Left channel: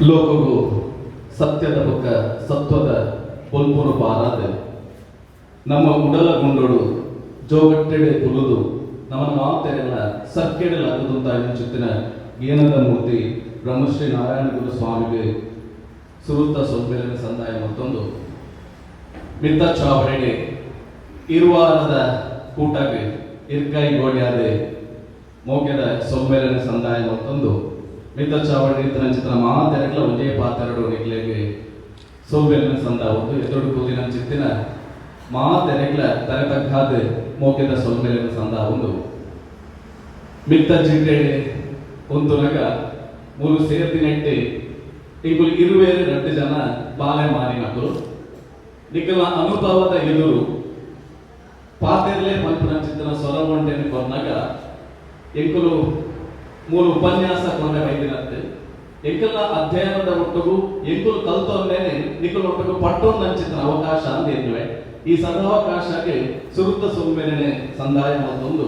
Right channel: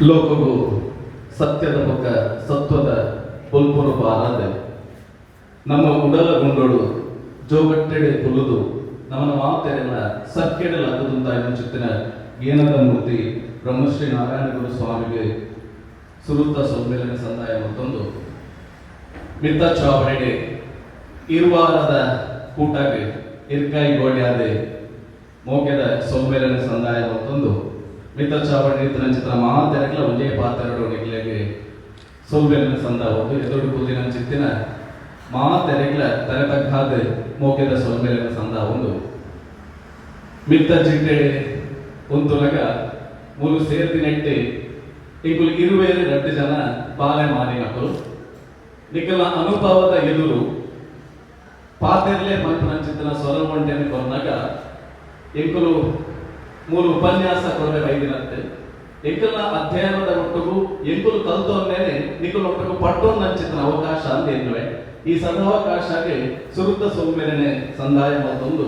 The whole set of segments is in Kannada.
ಲೋಕವು ಸತ್ಯದ ಪಕ್ಕ ಸತ್ವದ ಪೊಲ್ಪುರು ಬಾರದೆ ನಮ್ಮ ಉಡಲ ಗುಂಡೋಡು ಜೋಗಟ್ಟೆಡೆ ತುಳುದು ನಮ್ಮನ್ನು ಮಾತೆರೆಲ್ಲ ಸಕ್ಕೆಡೆಲ್ಲ ಅದುದಂತ ಚಿತ್ತಿನ ಗೀನದ ಮೂರ್ತಿ ಬ್ರಹ್ಮಶ್ರೀ ನಾರಾಯಣ ಗುರು ಸ್ವಾಮಿಗೆ ಸುರುತ್ತ ಸೌಂದರ್ಯ ಸಂದಾಯ ಮತ್ತೊಂದು ಮಿತ್ತ ಚಾವಣೆಗೆ ಇರುವಾರದ ಕೂಟಗೆ ಇರ್ಕಾಯಿ ಗೋಡ್ಯಾದೆ ಮೋಕೆದ ಸೌಂದರ್ಯ ಸಂದಾಯ ಮತ್ತೊಂದು ಮಿತ್ರ ಚಾವಣಿ ಚಿತ್ರ ಮಾತೆರೆಗಳ ಒಂದೇ ಪಾತ್ರೆಗಳು ನಿಗ್ಲೆಗೆ ಸೌಂದರ್ಯ ಸಂದ ಒಂದು ಎದುರು ಕೂದಿನ ಚಿತ್ತಿನ ಮಾತೆರೆಗಳ ತರತಕ್ಕಾದ ಮೋಕೆದ ಸೌಂದರ್ಯ ಸಂದ ಒಂದು ಮಿತ್ತ ಜಿಟ್ಟೆಡೆ ಒಂದುನಗ ಮೂರು ಸೇರ್ತಿ ನೆಟ್ಟಿ ಇಂಕುಲು ಇರುವೇರಿ 2 ಜನ ಬಾಲೆ ಮಾರಿನಕರು ನಿಖಲ ಅನುಭವದ ಎದುರು ಪಾತೆರ್ಲೆ ಮಲ್ಪನ ಚಿತ್ತನ ಸ್ವರಗೊಂಡೆನೆ ಕೊನ್ನಾಗ ಎಂಕುಲು ಮೂರು ಉಪನ್ಯಾಸ ಕೊನೆ ಐದಿನಂತೆ ಎಂಕಲ ಅಧ್ಯಯನದ ಒಟ್ಟಿಗೂ ಎಂಕುಲು ಕಲ್ತೊಂದೇನೆ ನಿಖಲು ಒಟ್ಟಿಗೂ ಪಟ್ಟೊಂದು ಚಿತ್ರ ಅವಕಾಶ ಅಂತ ಇರುವೆ ಈ ಸದಾವಕಾಶಕ್ಕೆ ಸುರುತ್ತ ಸೌಮ್ಯರನೆ ಸಂದಾಯ ಮತ್ತೊಂದು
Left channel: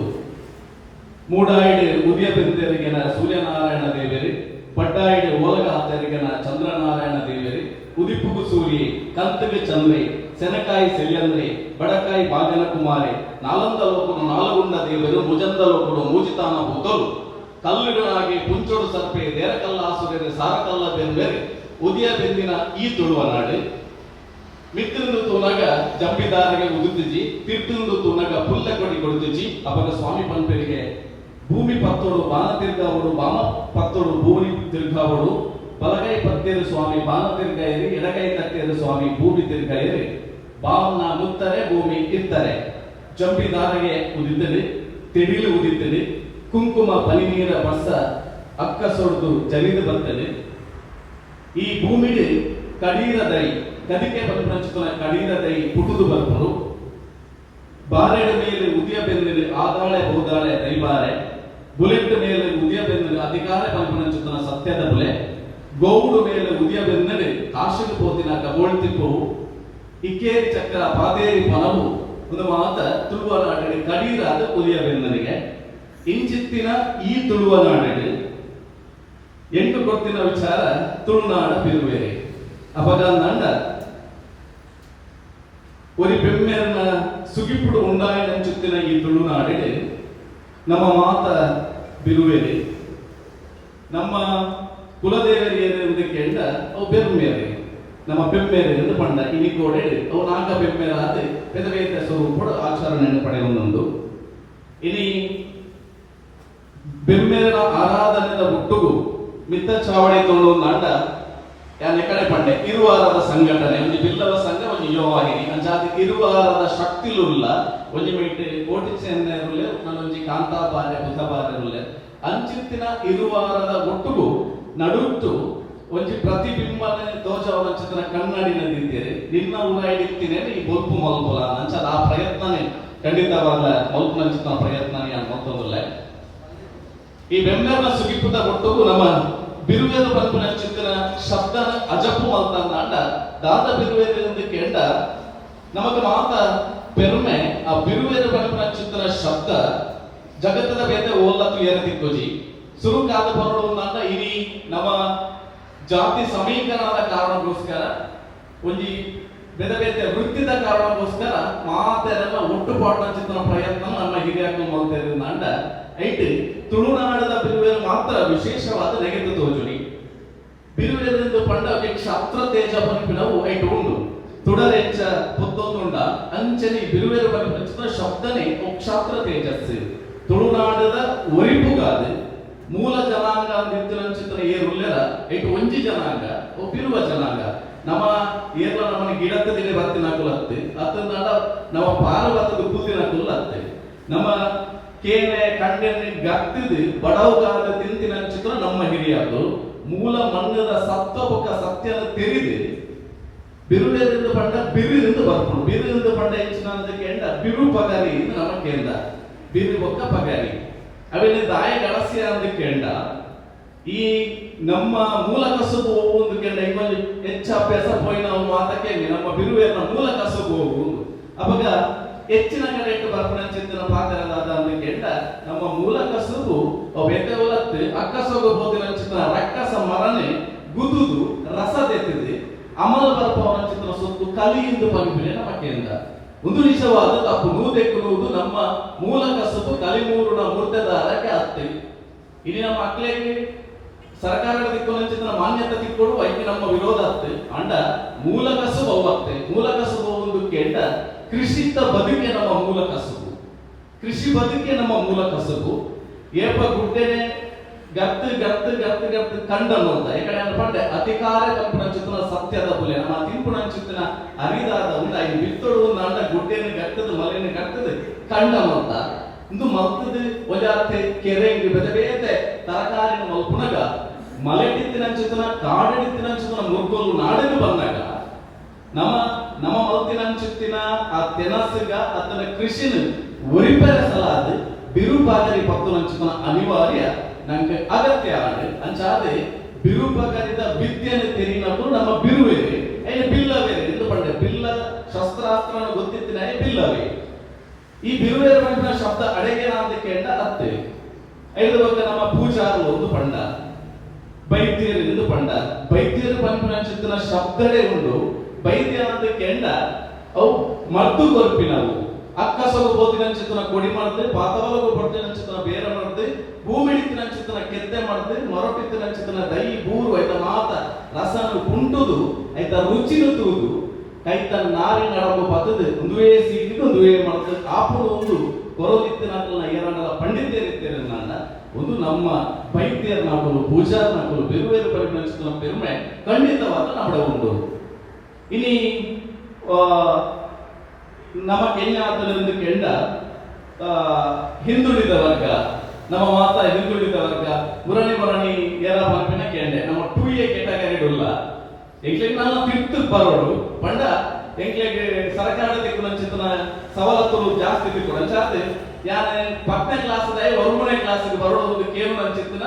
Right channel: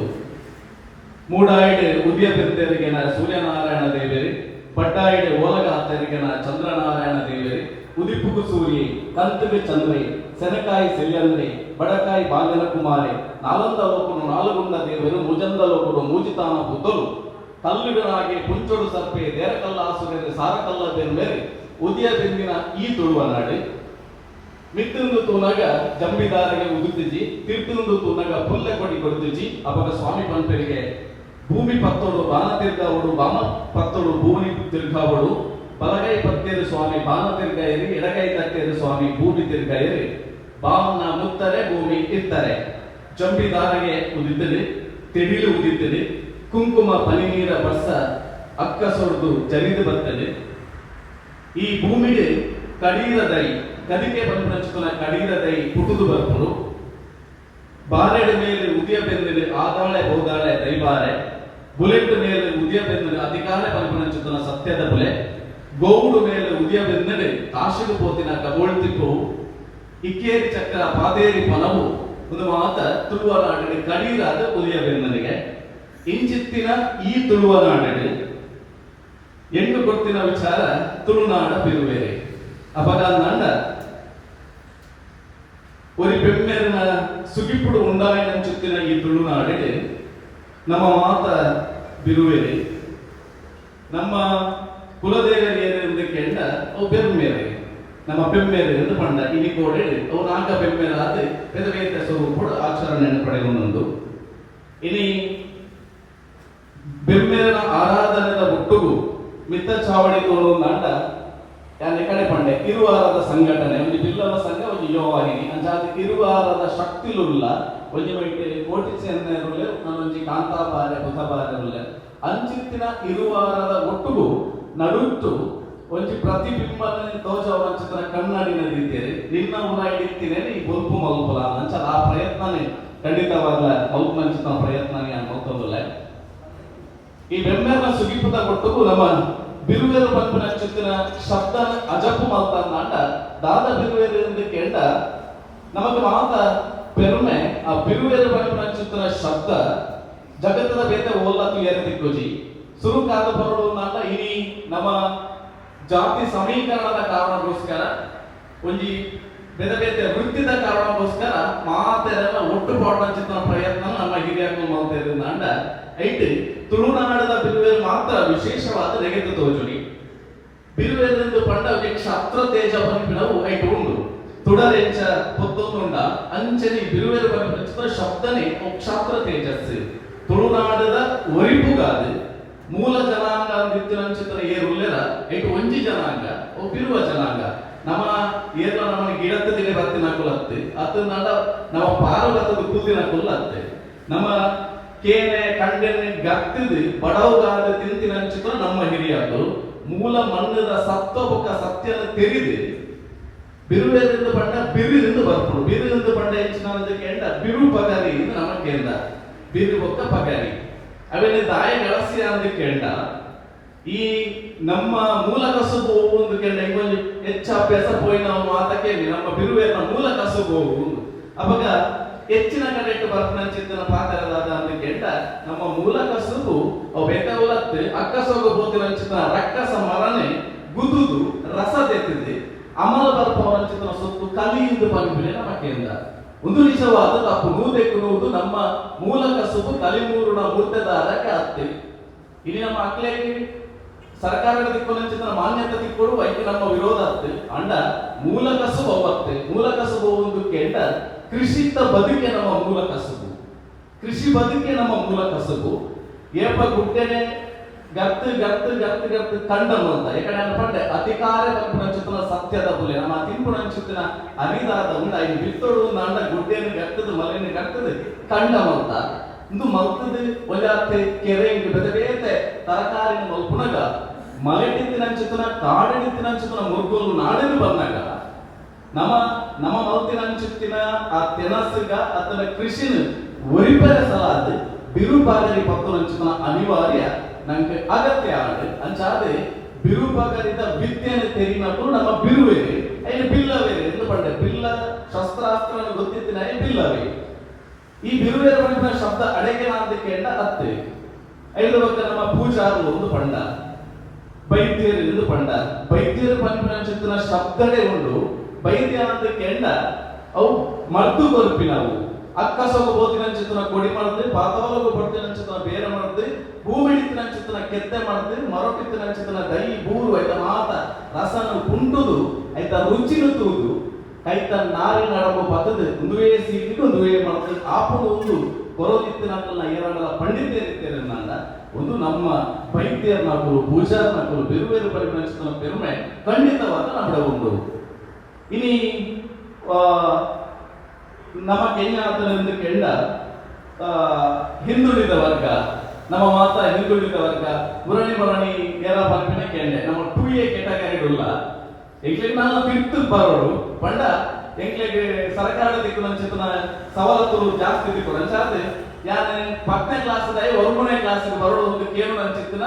ಮೂಡಾಯಿಡೆ ಉದಯ ಬೆಂತೆರಿಗೆನ ಸೂರ್ಯನಾರಾಯಣ ದೇವೇರಿ ಪಟ್ಟಾಯಿಡೆ ಓಲಗ ಆತರಿಗೆನ ಚಂದ್ರನಾರಾಯಣ ದೇವೇರಿ ಉದಿಪುಗು ಸೂರಿ ಕಂತಗೆ ಚಂದ್ರಿ ಸೆನಕಾಯಿ ಸೆಲ್ಯಂದ್ರಿ ಬಡಕಾಯಿ ಬಾಗನ ಕುಮಾರಿ ನಾಲಂದ ಲೋಕನು ನಾಲಗುಂಡ ದೇವರು ಮುಜಂದ ಲೋಕಡು ಮೂಜಿತಾನ ಪುತಲು ಕಲ್ಲಿಡನಾಗಿ ಪುಂಚೊಡು ಸರ್ಪೆ ದೇರಕಲ್ಲಾಸುಗರೆ ಸಾರಕಲ್ಲ ಬೆಂಬೇರೆ ಉದಯ ಬೆಂದಿನ ಈ ತುಳುವ ನಾಡೆ ಮಿತ್ತಂದು ತೂನಗ ಜಂಬಿದಾರಿಗೆ ಉದುತ್ತಿಜಿ ತಿರ್ತುಂದು ತೂನಗ ಪುಲ್ಲೆ ಕೊಡಿ ಕೊಡುತ್ತಿಜಿ ಅವಾಗ ಸ್ವಾಮಿ ಪಂಪರಿಗೆ ಭೂಮಿ ಪತ್ತೋಡು ಬಾನ ತಿರ್ಗಾವಡು ಬಾಮ ಪತ್ತೋಡು ಭೂಮಿ ತಿರ್ಗಾವಡು ಬಲಗೈ ಪತ್ತೇರು ಸ್ವಾಮಿ ಬಾನ ತಿರ್ಗಾಯರಿ ಎಡಗೈ ತಟ್ಟೇರು ಸ್ವಾಮಿ ಭೂಮಿ ತಿರ್ಗಾಯರಿ ಬಾವನ್ನ ಮುತ್ತರೆ ಭೂಮಿ ಇರ್ತಾರೆ ಜಂಬಿದಾರಿಗೆ ಉದಿತದೆ ತೆಡಿಲು ಉದಿತದೆ ಕುಂಕುಮ ಪನಿನೀರ ಬಸ ಅಕ್ಕ ಸೊಡ್ದು ಜರಿದು ಬರ್ತದೆ ಈ ಭೂಮಿಗೆ ಕಡೀರದೈ ಕದಿಕೆ ಬಂದ ಕಡೀರದೈ ಪುಟುದು ಬರ್ಪರು ಬಾರೆಡ ಮೇಲೆ ಉದಯ ಬೆಂದಿನ ಆದಾಳೆ ಬೋದಾಳೆ ದೈಬಾರೆ ಬುಲೆಟ್ ಮೇಲೆ ಉದಯ ಬೆಂದಿನ ಅಧಿಕಾರ ಪಂಪನ ಸತ್ಯದ ಬುಲೆ ಗೋವುಡು ಮೇಲೆ ಉದಯ ಬೆಂದಿನ ಕಾಶಿಗೆ ಪೋತಿನ ಕಬೋಳ್ತಿಪ್ಪು ಇಕ್ಕೇರಿ ಚಕ್ರ ಪಾದೇರಿ ಫಲವು ಒಂದು ಮಾತ ತುಳುವ ನಾಡಿಗೆ ಕಡೀರಾದ ಉದಯ ಬೆಂದನಿಗೆ ಇಂಚಿತ್ತಿನ ಈ ತುಳುವ ನಾಡಿಗೆ ಎಂಟು ಕೊಡ್ತಿನ ವಿಚಾರ ತುಳುನಾಡ ಬಿರುವೇರಿ ಅವಾಗ ನಂಡ ഒരു പെമ്മെരന സുഖിപ്പുಡು ഉണ്ടായനಂಚುತ್ತಿನ ಈ ತುಳುನಾಡಿಗೆ ನಮ್ಮ ಮಾತ ಬಿರುವೇರಿ ನಮ್ಮ ಕುಲದೇವರಿಯರು ಎಂದು ಕೇಂಡ ಅವು ಬೆಮ್ಮೇರಿ ನಮ್ಮ ಬೆಮ್ಮೇರಿ ಎಂದು ಪಂಡ ಇನಿ ಕೋಡೆ ಅವು ನಾಗ ಬೆಮ್ಮೇರಾದ ಪೆದವೇತ ಸ್ವರೂಪಡು ಆಚರಣೆಯನ್ನು ಪಡೆಯೊಂದೊಂದು ಇನಿ ಬೆಮ್ಮೇರನ ಆರಾಧನೆದ ಒಟ್ಟುಗು ಮಿತ್ತ ಚಾವಡಿ ತೋಳು ನಾಂಡ ಯಾನೆ ಕಡೆ ಪಂಡೆ ಇರುವಾರದ ಸಂಘಟನೆ ಒಂದು ಬಿಲ್ಲವ ಸಂಘ ಒಂದು ಯೋವಾಹಿನಿ ಅಂಚಾದ ಇರುವಾರದ ಶಕ್ತಿಲುಲ್ಲ ಒಂದು ಮೇಟೆ ಕೋಟಿ ಸೇನೆರುಲೆ ನನ್ನೊಂಜಿ ಕಾಂತಾಬಾರೆ ಬುಧಬಾರೆರುಲೆ ಅಂಚಿತ್ತಿನ ಇರುವಾರದ ಒಟ್ಟುಗು ನಡುಟ್ಟು ಒಂಜಿ ಪ್ರತಿಬಿಂಬನೆ ತೋಜವನ ಚಿತ್ರ ಕನ್ನಡಿನ ರೀತಿಯಲ್ಲಿ ನಿನ್ನ ಉರಾಯಿಡ್ತೀನಿ ಈ ಬೊಲ್ಪು ಮಲ್ಪುಲ ಅಂಚದ ಆ ಪ್ರಯತ್ನನೇ ಖಂಡಿತವಾದ ಮಲ್ಪನ ಚಿತ್ರ ಪ್ರಯತ್ನನೇ ಅನ್ನೋದಲ್ಲ ಈ ಬೆಮ್ಮೆರನ ಸುಗಿಪುದ ಒಟ್ಟುಗು ನಮ್ಮ ಬಿರುವೇರು ಪಂಪಿನ ಚಿತ್ತಿನ ಶಬ್ದನ ಅಜಪು ಮಾತನಾಡ ದಾದ ಬಿರುವೇರು ಎಂದು ಕೇಂಡ ನಮಗೆ ಮಾತ ಪೆರುಮೆ ಆ ಬಿರುವೇರು ಪಂಪಿನ ಚಿತ್ತಿನ ಶಬ್ದ ಜಗತ್ತದ ಬೇತೆ ಓಲತ್ತು ಏರತಿಕ್ಕೋಜಿ ಸುರುಕಾದ ಬರೋಡು ನಾಡ ಇನಿ ನಮ್ಮ ಜಾತಿ ಸಮೀಕರಣದ ಕಾರಣಕ್ಕೋಸ್ಕರ ಒಂಜಿ ಬೇರೆ ಬೇರೆ ವೃತ್ತಿದ ಕಾರಣಕ್ಕೋಸ್ಕರ ಮಾತೆರೆಲ್ಲ ಒಟ್ಟುಪಾಡಿನ ಚಿತ್ರ ಪ್ರಯತ್ನ ನಮ್ಮ ಹಿರಿಯರು ಮಾಡ್ತೇವೆ ನಾಡ ಐಟ್ ತುಳುನಾಡದ ಬಿರುವೇರು ಮಾತ್ರ ವಿಶೇಷವಾದ ನೆಗೆದು ತೋಜುನಿ ಬಿರುವೇರೆಂದು ಪಂಡ ಕ್ಷಾತ್ರ ತೇಜ ಪಂಪಿನವು ಐಟ್ ಉಂಡು ತುಡರೆಂಚ ಪೊತ್ತೊಂದುಂಡ ಅಂಚನಿ ಬಿರುವೇರು ಪಂಪಿನ ಶಬ್ದನೇ ಕ್ಷಾತ್ರ ತೇಜಸ್ಸು ತುಳುನಾಡದ ಒರಿಪುಗಾದು ಮೂಲ ಜನಾಂಗ ಅಂದಿತ್ತಿನ ಚಿತ್ರ ಏರುಲ್ಲೆರ ಐಟ್ ಒಂಜಿ ಜನಾಂಗ ಬಿರುವ ಜನಾಂಗ ನಮ್ಮ ಏರ್ಲ ನಮ್ಮ ಗಿಡತ್ತಿನ ಬತ್ತಿನ ಕುಲತ್ತೆ ಅತ್ತ ನಾಡ ನಮ್ಮ ಪಾರ್ವತದ ಕೂತಿನ ಕುಲ್ಲತ್ತೆ ನಮ್ಮ ಕೇನೆ ಕಂಡೆನೆ ಗತ್ತಿದು ಬಡವುಗಾದ ತಿಂತಿನ ಚಿತ್ರ ನಮ್ಮ ಹಿರಿಯರು ಮೂಲ ಮಣ್ಣದ ಸತ್ವಬುಕ್ಕ ಸತ್ಯನ ತೆರಿದು ಬಿರುವೆಂದು ಪಂಡ ಬಿರುವಿಂದು ಬರ್ಪುಡು ಬಿರುವಿಂದು ಪಂಡ ಹೆಚ್ಚಿನ ಕೇಂಡ ಬಿರು ಪಗಾರಿ ನಮ್ಮ ಕೇಂದ್ರ ಬಿರು ಬೊಕ್ಕ ಪಗಾರಿ ಅವೆಲ್ಲ ದಾಯ ಗಳಸಿ ಅಂತ ಕೇಂಡ ಈ ನಮ್ಮ ಮೂಲ ಕಸುಬು ಹೋಗುವುದು ಕೇಂಡ ಇವಾಗ ಹೆಚ್ಚ ಅಭ್ಯಾಸ ಪೋಯಿ ನಾವು ಮಾತಕ್ಕೆ ನಮ್ಮ ಬಿರುವೇನ ಮೂಲ ಕಸುಬು ಹೋಗುವುದು ಅವಾಗ ಹೆಚ್ಚಿನ ಕಡೆ ಬರ್ಪಣ ಚಿಂತನ ಪಾತ್ರರಾದ ಅಂತ ಕೇಂಡ ನಮ್ಮ ಮೂಲ ಕಸುಬು ಬೆಟ್ಟವಲತ್ತು ಅಕ್ಕಸೋಗು ಬೋದಿನ ಚಿತ್ರ ರಕ್ಕಸ ಮರನೆ ಗುದುದು ಕಲಿಯಿಂದ ಪಂಪಿನ ನಮಕೆಂದ ಒಂದು ನಿಜವಾದ ತಪ್ಪು ನೂದೆಕ್ಕುವುದು ನಮ್ಮ ಮೂಲ ಕಸುಬು ಕಲಿಮೂರುಣ ಮೂರ್ತೆದಾರಕ್ಕೆ ಅತ್ತೆ ಇಲ್ಲಿ ನಮ್ಮ ಮಕ್ಕಳಿಗೆ ಸರ್ಕಾರದ ದಿಕ್ಕು ಮಾನ್ಯತೆ ತಿಕ್ಕೊಡು ಐಕೆ ನಮ್ಮ ವಿರೋಧ ಅತ್ತೆ ಅಂಡ ಮೂಲ ಕಸುಬು ಅವತ್ತೆ ಮೂಲ ಕಸುಬು ಒಂದು ಕೇಂದ್ರ ಕೃಷಿತ ಬದುಕೆ ನಮ್ಮ ಮೂಲ ಕಸುಬು ಕೃಷಿ ಬದುಕೆ ನಮ್ಮ ಮೂಲ ಕಸುಬು ಏಪ ಗುಡ್ಡೆನೆ ಗರ್ತ್ ಗರ್ತ್ ಗರ್ತ್ ಗರ್ತ್ ಕಂಡನು ಅಂತ ಯಾಕಂದ್ರೆ ಅನ್ಕೊಂಡೆ ಅಧಿಕಾರ ಕಂಪನ ಸತ್ಯದ ಬುಲೆ ನಮ್ಮ ತಿಂಪುಣ ಚಿತ್ತಿನ ಅರಿದಾದ ಉಂಡ ಐದು ಬಿತ್ತೋಡು ನಾಂಡ ಗುಡ್ಡೆನ ಗರ್ತದ ಮಲೆನ ಗರ್ತದ ಕಂಡನು ಅಂತ ಇಂದು ಮಲ್ತದ ಒಜಾತೆ ಕೆರೆ ಬೆದ ಬೇತೆ ತರಕಾರಿನ ಮಲ್ಪುಣಗ ಮಲೆಡಿತ್ತಿನ ಚಿತ್ತನ ಕಾಡಿತ್ತಿನ ಚಿತ್ತನ ಮುರ್ಗೋಲು ನಾಡನು ಬಂದಾಗ ನಮ್ಮ ನಮ್ಮ ಮಲ್ತಿನ ಚಿತ್ತಿನ ಆ ತೆನಸಗ ಅತನ ಕೃಷಿನ ಒರಿಪೆರ ಸಲಾದ ಬಿರುಪಾಗರಿ ಪಕ್ಕನ ಚಿತ್ತನ ಅನಿವಾರ್ಯ ನಂಗೆ ಅಗತ್ಯ ಆಗಿದೆ ಅಂಚಾದೆ ಬಿರುಪಗರಿದ ವಿದ್ಯೆಯನ್ನು ತೆರಿನప్పుడు ನಮ್ಮ ಬಿರುವೇರಿ ಐದು ಬಿಲ್ಲವೇರಿ ಎಂದು ಪಂಡೆ ಬಿಲ್ಲ ಶಸ್ತ್ರಾಸ್ತ್ರವನ್ನು ಗೊತ್ತಿತ್ತಿನ ಬಿಲ್ಲವೇ ಈ ಬಿರುವೇರ ಪಂಡಿನ ಶಬ್ದ ಅಡೆಗೆನ ಅಂತ ಕೇಳ ಅತ್ತೆ ಐದು ನಮ್ಮ ಪೂಜಾರು ಒಂದು ಪಂಡ ಬೈದ್ಯರು ಎಂದು ಪಂಡ ಬೈದ್ಯರು ಪಂಪಿನ ಚಿತ್ತಿನ ಶಬ್ದಗಳೇ ಉಂಡು ಬೈದ್ಯನಂತ ಕೆಂಡ ಅವು ಮರ್ದು ಕೊರ್ಪಿನವು ಅಕ್ಕಸೊಗು ಬೋತಿನ ಚಿತ್ತನ ಕೊಡಿ ಮಾಡಿದ್ರೆ ಪಾತವಲಗು ಬಡ್ತಿನ ಚಿತ್ತನ ಬೇರೆ ಮಾಡಿದ್ರೆ ಭೂಮಿಡಿತ್ತಿನ ಚಿತ್ತನ ಕೆತ್ತೆ ಮಾಡಿದ್ರೆ ಮರಟಿತ್ತಿನ ಚಿತ್ತನ ದೈ ಬೂರು ಐತ ಮಾತ ರಸನ ಕುಂಟುದು ಐತ ರುಚಿನ ತೂದು ಐತ ನಾರಿನ ನಡಗು ಬತ್ತದು ಒಂದುವೇ ಸೀಟಿಗೆ ಒಂದುವೇ ಮಾಡ್ತದೆ ಆಪುಡು ಒಂದು ಕೊರೋದಿತ್ತಿನ ಏರಣ್ಣಲ ಪಂಡಿತರಿರ್ತೀರ ನಾನ ಒಂದು ನಮ್ಮ ವೈದ್ಯರ್ನಾಕಲು ಪೂಜಾರ್ನಾಕಲು ಬೇರೆ ಬೇರೆ ಪರಿಗಣಿಸಿದ ಪೆರುಮೆ ಖಂಡಿತವಾದ ನಮ್ಮಡ ಉಂಟು ಇನಿ ನಮ್ಮ ಕೆನ್ಯಾತನದಿಂದ ಕೆಂಡ ಹಿಂದುಳಿದ ವರ್ಗ ನಮ್ಮ ಮಾತ ಹಿಂದುಳಿದ ವರ್ಗ ಮುರಣಿ ಏರ ಪಂಪಿನ ಕೆಂಡೆ ನಮ್ಮ 2A ಕೆಟಗರಿ ಉಲ್ಲ ಎಂಕ್ಲೆಗ್ ನಾವು ತಿರ್ತು ಬರೋಡು ಪಂಡ ಎಂಕ್ಲೆಗ್ ಸರ್ಕಾರದ ದಿಕ್ಕು ಚಿತ್ತನ ಸವಲತ್ತುಗಳು ಜಾಸ್ತಿ ದಿಕ್ಕು ಅಂಚಾದೆ ಯಾನೆ 10ನೇ ಕ್ಲಾಸ್ದ 1ನೇ ಕ್ಲಾಸ್ಗೆ ಬರೋದು ಒಂದು ಕೇಳು ಅಂಚಿತ್ತಿನ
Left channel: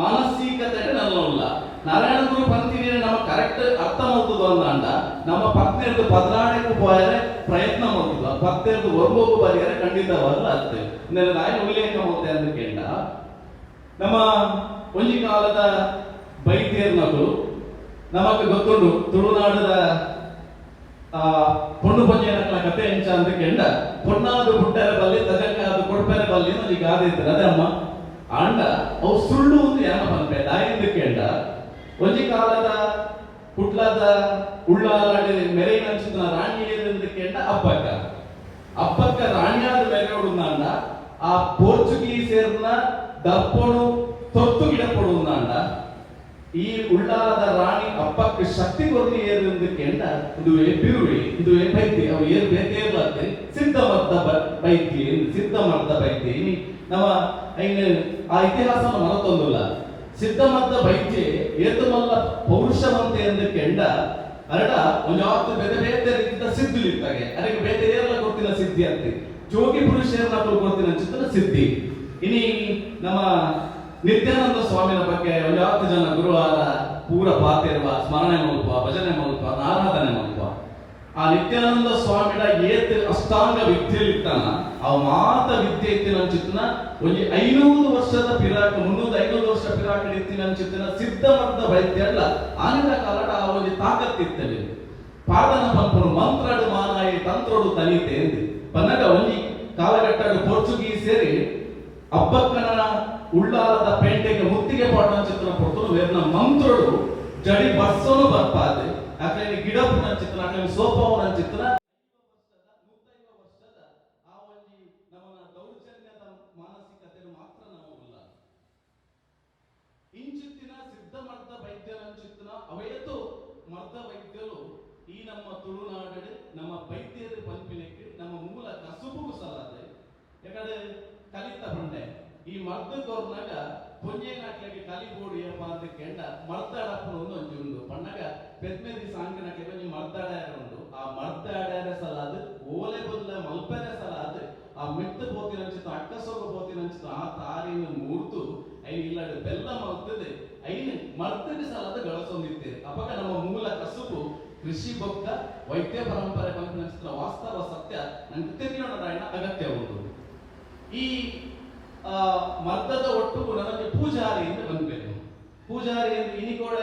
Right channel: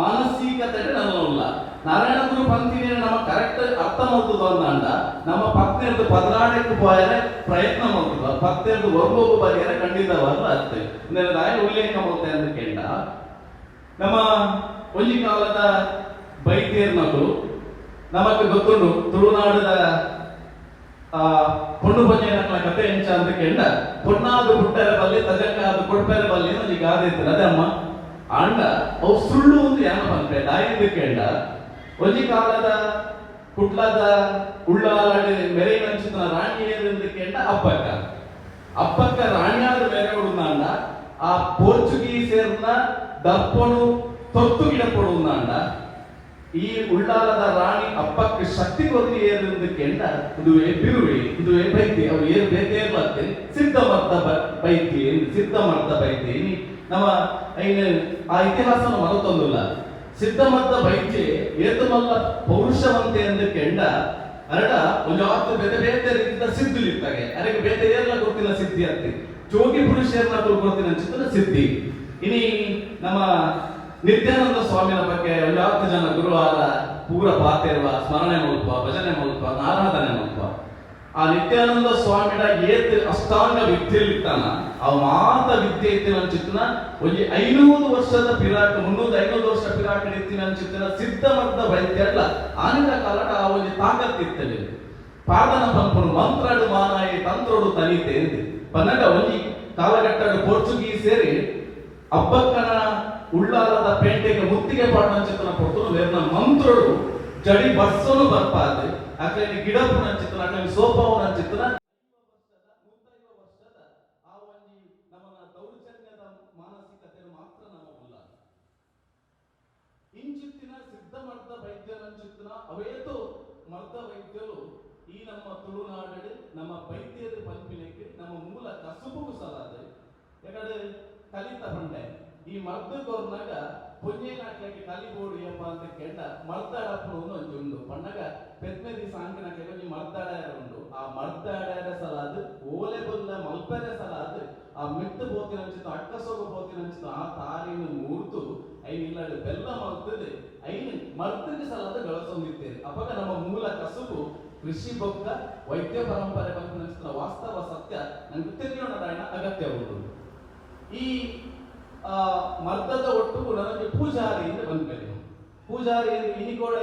ಮಾನಸಿಕತೆ ನನ್ನಲ್ಲ ನಾರಾಯಣ ಗುರು ಪಂಕ್ತಿನ ನಮ್ಮ ಕರೆಕ್ಟ್ ಅರ್ಥ ಮಾಡ್ತದ ಅಂದ ನಮ್ಮ 10ನೇದು ಪದರಾಡಕ್ಕೂ ಬಾಯರೆ ಪ್ರಯತ್ನ ಮಾಡ್ತದ 10ನೇದು ವರ್ಗಕ್ಕೂ ಬಾರಿಯರೆ ಖಂಡಿತವಾದ ಅತ್ತೆ ರಾಯ ಉಲ್ಲೇಖ ಮಾಡ್ತೆ ಅಂತ ಕೇಳ ನಮ್ಮ ಒಂಜಿ ಕಾಲದ ಬೈದ್ಯರ್ನಗಳು ನಮಗೆ ಗೊತ್ತುಂಡು ತುಳುನಾಡದ ಪೊಣ್ಣು ಪಂಜಯನಕಲ ಕತೆ ಎಂಚ ಅಂತ ಕೇಳ ಪೊಣ್ಣಾದು ಹುಟ್ಟರ ಬಲ್ಲಿ ತಜಂಗಾದು ಕೊಡ್ಪೆರ ಬಲ್ಲಿ ಅನ್ನೋದು ಈಗ ಗಾದೆ ಇರ್ತದೆ ಅದೇ ಅಮ್ಮ ಅಂಡ ಅವು ಸುಳ್ಳು ಒಂದು ಯಾನ ಬಂದ್ರೆ ದಾಯಿಂದ ಕೇಳ ಒಂಜಿ ಕಾಲದ ಕುಟ್ಲದ ಉಳ್ಳಾಲಾಡು ಮೆರೆಯಿನ ಚಿತ್ತನ ರಾಣಿಯರಿಂದ ಕೇಳ ಅಪ್ಪಕ್ಕ ರಾಣಿಯಾದ ಮೆರೆ ಹೊಡುಂದಾಂಡ ಆ ಪೋರ್ಚುಗೀಸರ್ನ ದಪ್ಪನು ತೊತ್ತು ಗಿಡ ಕೊಡುಂದಾಂಡ ಈ ಉಳ್ಳಾಲದ ರಾಣಿ ಅಪ್ಪಕ್ಕೆ ಶಕ್ತಿ ಕೊದ್ರಿ ಏರಿಂದ ಕೇಳ ಇದುವೇ ಬಿರುವೆ ಇದುವೇ ಬೈದ್ಯ ಅವು ಏನ್ ಬೇಕೇ ಬರ್ತೇನೆ ಸಿದ್ಧ ಮರ್ದ ಬೈದ್ಯ ನಮ್ಮ ಆ ಇತಿಹಾಸ ಮನತೊಂದಿಲ್ಲ ಸಿದ್ಧಮದ್ದ ಬೈದ್ಯ ಏತಮಲ್ಲ ಪೌರುಷವಂತೆ ಎಂದು ಕೆಂಡ ಅರಡ ಒಂಜಾತ್ತು ಬೇತೆ ಬೇತೆ ರೀತಿಯ ಸಿದ್ಧುಲಿರ್ತಾರೆ ಅದಕ್ಕೆ ಬೇತೆ ಏರೆಲ್ಲ ಗೊತ್ತಿಲ್ಲ ಸಿದ್ಧಿ ಅಂತ ಜೋಗಿ ಪುರುಷರನ್ನ ಕೊಡ್ತೀನಿ ಅನ್ಸುತ್ತೆ ಸಿದ್ಧಿ ಇನಿ ನಮ್ಮ ನಿತ್ಯಾನಂದ ಸ್ವಾಮಿನ ಬಗ್ಗೆ ಒಂಜಾತ್ತು ಜನ ಗುರುವಾರ ಪೂರ ಪಾತಿರುವ ಸ್ಮರಣೆ ಮಲ್ಪ ಭಜನೆ ಮಲ್ಪ ಆರಾಧನೆ ಮಲ್ಪ ಆ ನಿತ್ಯಾನಂದ ಸ್ವಾಮಿಡ ಏತ್ ಅಷ್ಟಾಂಗ ವಿದ್ಯೆಲಿರ್ತಾನ ಅವ ಮಾತ ವಿದ್ಯೆ ಇತ್ತಿನ ಅನ್ಚಿತ್ತಿನ ಒಂಜಿ 500 ವರ್ಷದ ಪಿರಾಕ 300-500 ವರ್ಷ ಪಿರಾಕ ಇತ್ತಿನ ಅನ್ಚಿತ್ತಿನ ಸಿದ್ಧಮದ್ದ ವೈದ್ಯ ಅಲ್ಲ ಆನಿನ ಕಾಲಟ ಆ ಒಂಜಿ ತಾಕತ್ತಿತ್ತವೆ ಪಾದನ ಪಂಪನು ಮಂತ್ರಾಡು ಮಾನಾಯಿ ತಂತ್ರೋಡು ತನಿತೆ ಎಂದು ಪನ್ನಗ ಒಂಜಿ ಕಾಲಘಟ್ಟದ ಪೋರ್ಚುಗೀಸ್ ಸೇರಿ ಅಬ್ಬಕ್ಕನ ಉಳ್ಳಾಲದ ಪೇಂಟೆಗೆ ಮುತ್ತಿಗೆ ಪಾಠ ಚಿತ್ರನ ಕೊಡ್ತು ವೇರ್ನ ಮಂತ್ರೋಡು ಜಡಿ ಬರ್ಸೋನು ಬರ್ಪಾದೆ ಅಕ್ಲೇನಿ ಗಿಡಪುನ ಚಿತ್ರನ ಅಕ್ಲೇನಿ ಸೋಪಾವುನ ಚಿತ್ರ ಇಂಚಿತ್ತಿನ ಸಿದ್ಧ ಮರ್ದ ವೈದ್ಯನ ಚಿತ್ತನ ಅವೇತು ಮರ್ದ ವೈದ್ಯರು ಈ ನಮ್ಮ ತುಳುನಾಡು ನಮ್ಮ ವೈದ್ಯರ ಪಂಪಿನಕ್ಕೆ ನಮ್ಮ ಮೂಲ ಕಸುಬು ಸಲಾದೆ ಯಾಕಂದ್ರೆ ಕಲಿತ ಬಂಡೆ ಈ ಮರ್ದ ಕೊರ್ನಾಗ ಪುಣ್ಯನಾಟ್ಯಕ್ಕೆ ಕಲಿಬೋಡಿ ಎಂಬ ಅಂತ ಕೇಳ ಮರ್ದಾಡಪ್ಪನು ಒಂದು ಉಂಡು ಪಣ್ಣಗ ಪೆದ್ಮೆದಿ ಸಾಂಗಿನಕ್ಕೆ ಕೊಂಚ ಮರ್ದಾಡ್ಯಾರ ಉಂಡು ಆ ಮರ್ದಾಡ್ಯಾರ ಸಲಾದ ಓಲೆ ಬಲ್ಲ ಮಲ್ಪೆರೆ ಸಲಾದ ಆ ಮೆಟ್ಟು ಬೋತಿನ ಚಿತ್ರ ಅಕ್ಕಸೋಗ ಬೋತಿನ ಚಿತ್ರ ಆ ತಾರಿನ ಮೂರ್ತು ಐನ್ ಇಲ್ಲಾಡು ಬೆಲ್ಲ ಮಲ್ತದೆ ಐನ್ ಮರ್ತಿಗೆ ಸಲಾದ ಗಳಸೊಂದಿರ್ತೇವೆ ಅವಾಗ ನಮ್ಮ ಮೂಲ ಕಸುಬು ಕೃಷಿ ಬೊಕ್ಕ ವೈದ್ಯ ಪರಂಪರೆ ಪಂಪಿನ ವಾಸ್ತವ ಸತ್ಯ ನಂಗೆ ತಿಳಿಯೋಣ ಅಗತ್ಯ ಉಂಟು ಈ ಮರ್ದದ ಒಟ್ಟು ನನಗೆ ಪೂಜಾರಿ ಎಂದು ಬಂದ್ಬೇನೆ ಪೂಜಾರಿ ಎಂದು ಇನಿಗೋಡ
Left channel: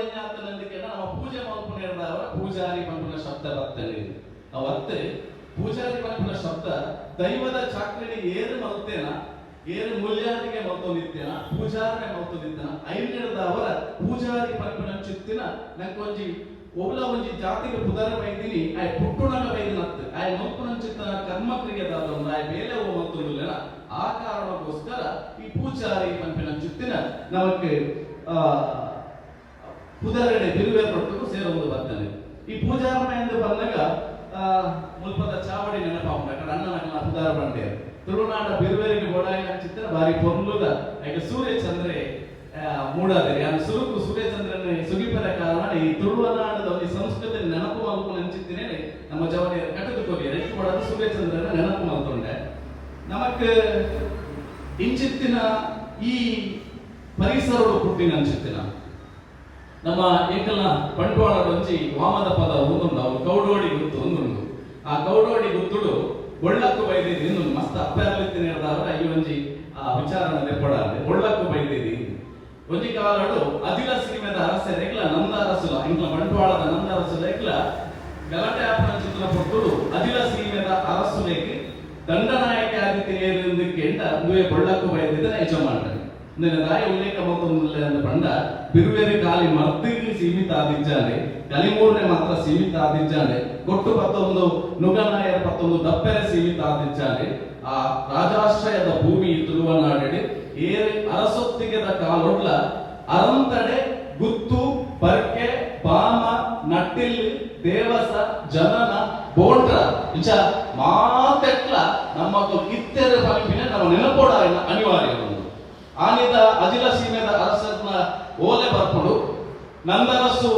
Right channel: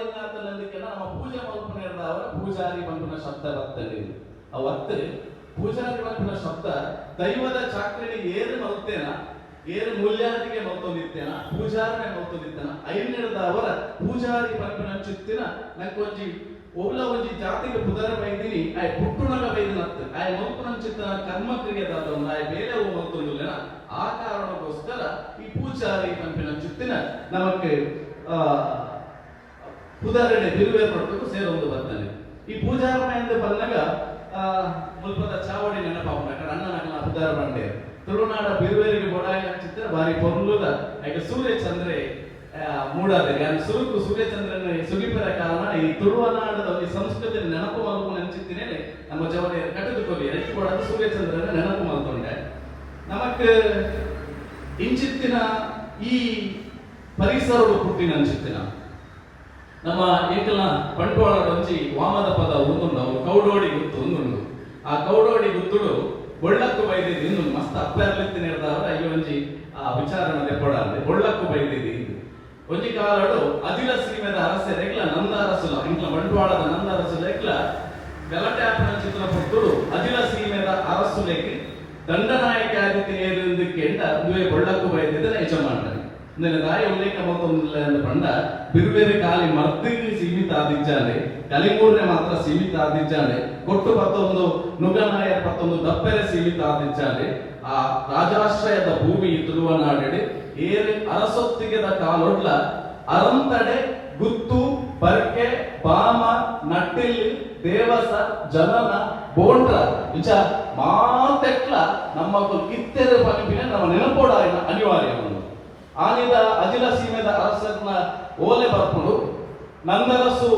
ನಮ್ಮ ಪೂಜೆ ಮಲ್ಪನೆ ಅವರ ಪೂಜಾರಿ ಪಂಪಿನ ಶಬ್ದ ಬರ್ತದೆ ಅವತ್ತು ಪೂಜಾರಿ ಪಂಪಿನ ಶಬ್ದ ದೈವದ ಚಾಕ್ರಿನಿ ಏರು ಮಲ್ತೇನ ಏರು ಮೂಲ್ಯಾದಿಗೆ ಮಲ್ತೊಂದಿತ್ತೇನ ಪೂಜಾರನೆ ಮಲ್ತೊಂದಿತ್ತೇನ ಐನ್ಯದ ಅವರ ಪೂಜಾರಿ ಪಂಪಿನ ಚಿತ್ತಿನ ನಂಗೊಂಜಿ ಒಬ್ಲ ಒಂಜಿ ಜಾತಿಗೆ ಪುದರ ಬೈದಿನಿ ಆಯ್ ಪುಟ್ಟುಣಗ ಬೈದಿನತ್ತು ಆಯ್ ಮಲ್ಪನ ಚಿತ್ತನ ಕರ್ಮ ಕ್ರಿಯೆದಾದ ಆಯ್ ಬೇಲೆ ಮಲ್ತೊಂದಿಲ್ಲ ಆ ಕಾರಣಕ್ಕೋಸ್ಕರ ಈ ಪೂಜಾರಿ ಪಂಪಿನ ಚಿತ್ತಿನ ನಮಗೆ ಪುದರನೆ ಬಿರುವೆ ಪಟ್ಟಕ್ಕೂ ಸೇರೊಂದು ಬರ್ತದೆ ಈ ಪೂಜಾರಮ ಎಂದು ಬಂದಾಗ ಮುಲ್ಪದ ಚಾವಡಿ ನೆನಪಾಗ ಅಣ್ಣನ ಪುದರ ಬಂಡೆ ತುಳುನಾಡ ಬಿರುವೇರಿಗೆ ಬೋಡಾಯ ಚಿತ್ರ ಬಾರಿ ಪೊರ್ಲುದ ಯಾಕೆ ಸೂರ್ಯ ಚಂದ್ರೆ ಮೂಡಾದರೆ ಸುರುಕು ಸೂರ್ಯಚಂದ್ರನ ಸುಗಿಪರ ಕಾರಣ ಈ ತುಳುನಾಡದ ಒಂದು ಸಂಸ್ಕೃತಿ ನೆನಪು ಮಲ್ಪು ನೆನಚಿತ್ತೇನೆ ನಮ್ಮ ಜವಳಿ ಕಟ್ಟದುಕೊಲಿ ಎಷ್ಟು ಕೂಡ ಸೂರ್ಯಚಂದ್ರನ ನೆನಪು ಮಲ್ಕೊಂಡೆ ನಮಕ್ ಇಂಚಿತ್ತಿನ ಈ ಪರಿಸರದ ಪುಟ್ಟಿನ ಅಂಚಿತ್ತಿನ ನಮ್ಮ ಏಕಲ ಬಂಟ್ವಾಳ ಒಂಜಿ ವಾಮದ ಪದ ಒಂದುಂಡು ಅವು ಕೌಡೋಡಿ ಗುತ್ತು ಒಂದುಂಡು ಆ ಕೌಡೋಡಿ ಗುತ್ತುಡು ಒಳ್ಳಕ್ಕು ಬೈದಿದ್ದು ಇನ್ನೊಂದು ಮಸ್ತ್ ಅಪ್ಪರ್ಲಿತ್ತಿನ ಹೇಳ್ದವ್ರ ಈ ಒಂಜಿ ಆ ವಿಚಾರಣ ತೆಪ್ಪಡಾದ್ರೆ ಒಳ್ಳಕ್ಕು ಬೈದಿದ್ದು ಒಂಜಿ ಕಾಲಡು ಅದಿಲ ಸಿನಿಮಾದ ಅರಸೆ ರೆಗ್ಲ ನಂದ ಅರಸುಲ ಇಂಗ್ಲ ಬಂಟ್ವಾಳದ ನಂದ ಅರಸುಲ ರೆಗ್ಲ ಗಲಾಟೆ ಆಪನ ಚಿತ್ರ ಪೊಟ್ಟುಡು ಅದಿಲ ಸಿನಿಮಾದ ಅರಸುಲೆಗೆ ದಂಡನಾಯಕ ಆದಿತ್ಯನೇರು ಕೆಂಡ ದುವೆ ಒಳ್ಳಕ್ಕು ಬೈದಿದ್ದ ಯಜಮಾನರು ರಾಯ ಉಲ್ಲೇಖ ಮತ್ತೊಂದಿಲ್ಲ ಪಂಡ ಬಿರುವೇರಿ ಕಾಲಿ ಮರ್ದಿಗೆ ಸೀಮಿತ ಆದಿಜ್ಜಾನೆ ಕಲಿಮೂರನೆ ಮಾತ್ರ ಸೀಮಿತ ಆದಿಜ್ಜಾನೆ ಕೊಟ್ಟು ಪತ್ತೊಂದು ನುಗನಾಯ ಪತ್ತೊಂದು ದಪ್ಪೆರೆ ಸೀಮಿತ ಆದಿಜ್ಜಾನೆ ಆ ರಾಜಾಶ್ರಯದ ಭೂಮಿ ತುಳುವನಾಡೆಡೆ ಏರೆ ಅರಸೊತ್ತಿಗೆದ ಕಾಲೊಡ್ಲ ಅರಂತಡೆ ಗುತ್ತು ಬರ್ಕೆ ಬಾಮ ನಟ್ಟಿಲ್ಲಿ ದೇವಸ ಜನನ ಬೋಂಡ್ರ ವಿಚ ಮಾತೆಟ್ಲ ನಮ್ಮ ಕಿತ್ತೆರೆ ಪಂಪಿನ ನಮ್ಮ ನೆನಪೋಡ ಅನಿವಾರ್ಯ ಆನಿದ ಅಜಿಲ ಸೀಮೆದ ಅರಸನ ಓಲೆ ಬರ್ಪುಡು ನಂದರಸು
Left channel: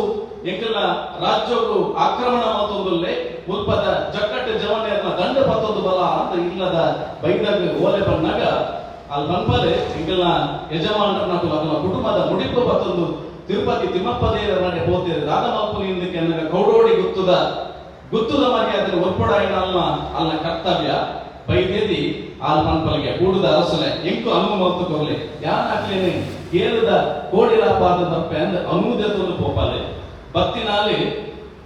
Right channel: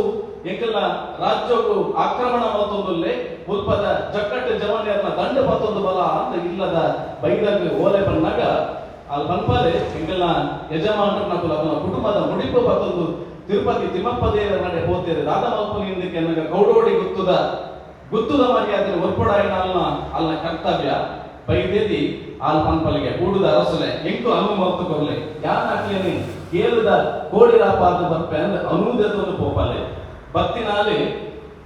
ಎಂಕಲ ರಾಜ್ಯವು ಆಕ್ರಮಣ ಮತ್ತೊಂದಲ್ಲೇ ಮುಲ್ಪದ ಜಕ್ಕಟ್ಟು ಜವನಿಯನ್ನ ದಂಡ ಪತ್ತೊಂದು ಬಲ ಅಂತ ಇಲ್ಲದ ಬೈದಾಗ ಓಲೆ ಬಂದಾಗ ಅಲ್ಲಿ ಬಂಪಲೆ ಎಂಕಲ ಯಜಮಾನರನ್ನ ಅದನ್ನ ಕುಟುಂಬದ ಮುಡಿಪು ಪತ್ತೊಂದು ತಿರುಪತಿ ತಿಮ್ಮಪ್ಪ ದೇವರ ನಡೆ ಹೋಗ್ತೇವೆ ರಾಧ ಮಲ್ಪನಿಂದಕ್ಕೆ ನನಗೆ ಕೌಡೋಡಿ ಗುತ್ತುದ ಮರ್ಯಾದೆ ಒರ್ಪೊಡಾಯಿನ ಅಲ್ಲ ಕರ್ತವ್ಯ ಬೈದೇದಿ ಆಲ್ ಪಂಪಲಿಗೆ ಕೂಡುದ ಅರಸಲೆ ಎಂಕು ಅನುಮತ ಕೊರಲೆ ಯಾನಾಗ್ಲೇನೆ ಕೇಳುದ ಕೋಡಿರಾಪಾದ ತಪ್ಪೆ ಅಂದ್ರೆ ಅನುದೆತ್ತೊಂದು ಪೋಪಲೆ ಬತ್ತಿನಾಲಿ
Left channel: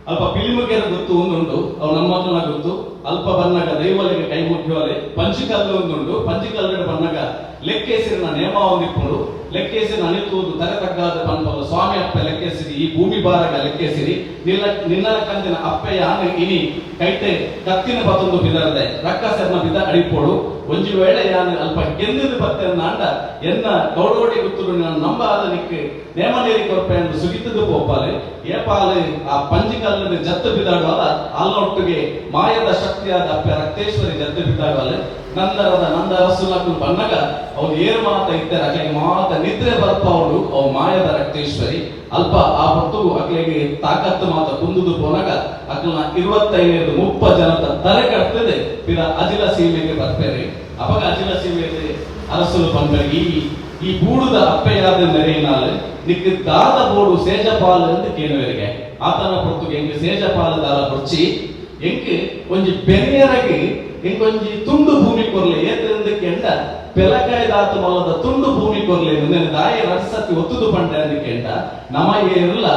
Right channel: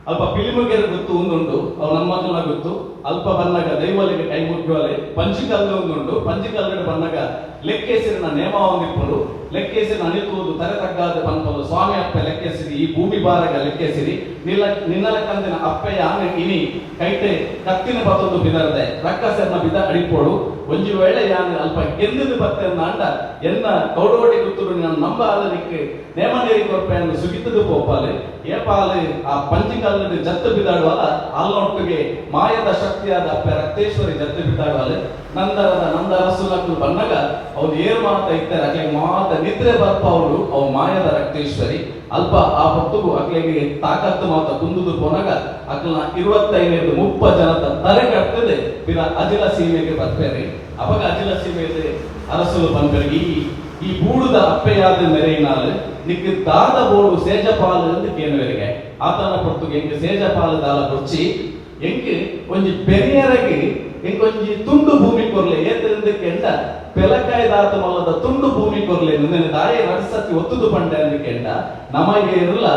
ಅಲ್ಪ ಪಿಲಿಮುಗೆರ ಗೊತ್ತು ಒಂದುಂಡು ಅವು ನಮ್ಮ ಮಕ್ಕಳ ಗೊತ್ತು ಅಲ್ಪ ಬಣ್ಣಗ ದೈವಲಿಗೆ ಕೈ ಮುಟ್ಟುವಲೆ ಪಂಚಿಕಲ್ಲು ಒಂದುಂಡು ಪಂಚಿಕಲ್ಲು ಬಣ್ಣಗ ಲೆಕ್ಕೇಸಿರಿನ ನೇಮ ಹೊಂದಿಕೊಂಡು ಲೆಕ್ಕೇಸಿನ ಅನಿತುವುದು ತಗತಗ್ಗಾದ ಪಂಪಲು ಸ್ವಾಮಿ ಅಪ್ಪ ಲೆಕ್ಕೇಸಿರಿ ಈ ಭೂಮಿ ಬಾರಗ ಲೆಕ್ಕೇಸಿರಿ ನಿನ್ನಲ ಕಂದಿನ ಅಪ್ಪೆಯ ಆನೆ ಇನಿ ಕೈಟೆ ಕತ್ತಿನ ಪತ್ತೊಂದು ಬಿದರದೆ ರಕ್ಕಸೆರ್ನ ಬಿದ ಅಡಿಪೋಡು ಒಂಜಿ ವೇಳೆ ಯಾನೆ ಅಲ್ಪ ಗೆಂದಿದು ಬತ್ತೆನ್ನ ಅಂಡ ಎನ್ನ ಕೌಡೋಡಿ ಗುತ್ತುಡು ನಾನು ನಂಬ ಆದನಿಕ್ಕೆ ನೇಮ ನೀರಿ ಕೊರಪೆ ಎಂದು ಸುಗಿತದು ಪೋಪಾಲೆ ಏಪಾಲೆ ಆ ಪಂಚಿಕಲ್ಲದ ಜತ್ತು ಬಿದ್ದಾಡುವಲ್ಲ ಅಲ್ಲೊಟ್ಟಿಗೆ ಮಾಯದ ಶಕ್ತಿಯಾದ ಅಪ್ಪೆ ರಕ್ತೇಶ್ವರಿ ಜತ್ತು ಬಿದ್ದಾಡುವಲೆ ನಂದರದ ನಂದ ಅರಸುಲಕ್ಕೂ ಬಂದಾಗ ಅವ್ರು ಏನ್ ಮಾತ ಇದ್ದಾರೆ ಅಕ್ಲಿಗೆ ಮಾತ ನಿದ್ರೆ ಬರ್ಪ ಅವರು ಅವು ಮಾಯದ ರಕ್ತೇಶ್ವರಿ ಅಲ್ಪ ಆ ಹೊತ್ತುಗೂ ಅಕ್ಲಿಗೆ ತಾಕತ್ತು ಮಾತ ಕುಂದುದು ಪೋನಾಗ ಅಕ್ಲನ 25-30 ಜನದ ತಲೆಗಟ್ಟದೆ ಪಿರ ಅಜಿಲ ಸೀಮೆಗೆ ಬರ್ತಾರೆ ಅವಾಗ ಅಜಿಲ ಸೀಮೆಗೆ ಅರಸುಲು ಪಂಪರಿಗೆ ಈ ಬೂಡುದ ಅಪ್ಪೆಯಾದ ನೆರೆಯಿನಾಲೆ ನಿಕ್ಕೆ ದಾದ ಬೋಡು ಸೇಜಪಾಲ ಎಂದು ಕೇಳುವರಿಗೆ ಆತನ ಪೊರ್ತುಗೆ ಎಂಗೆ ಸೇಜಪಾಲ ದಾಲ ಕೊಚ್ಚಿ ಎಂಗೆ ಒಂಜಿ ಬೆರಿಯರಗೆ ಎಂಕೊಂಜಿ ತುಂಡು ಭೂಮಿ ಕೊರ್ಲೆ ಏತರಿಂದ ಕೆಂಡ ಪೆಲಕಾಯ ದಾತ ಮೊಲದ ತುಂಡು ಭೂಮಿ ಕೊರ್ಲೆ ನಿನ್ನ ದಾಯ ನಡ್ಸತಿ ಒತ್ತುದು ಪಂಡ ಎಂದು ಕೆಂಡ ನಮಗೆ ಇರಲ್ಲ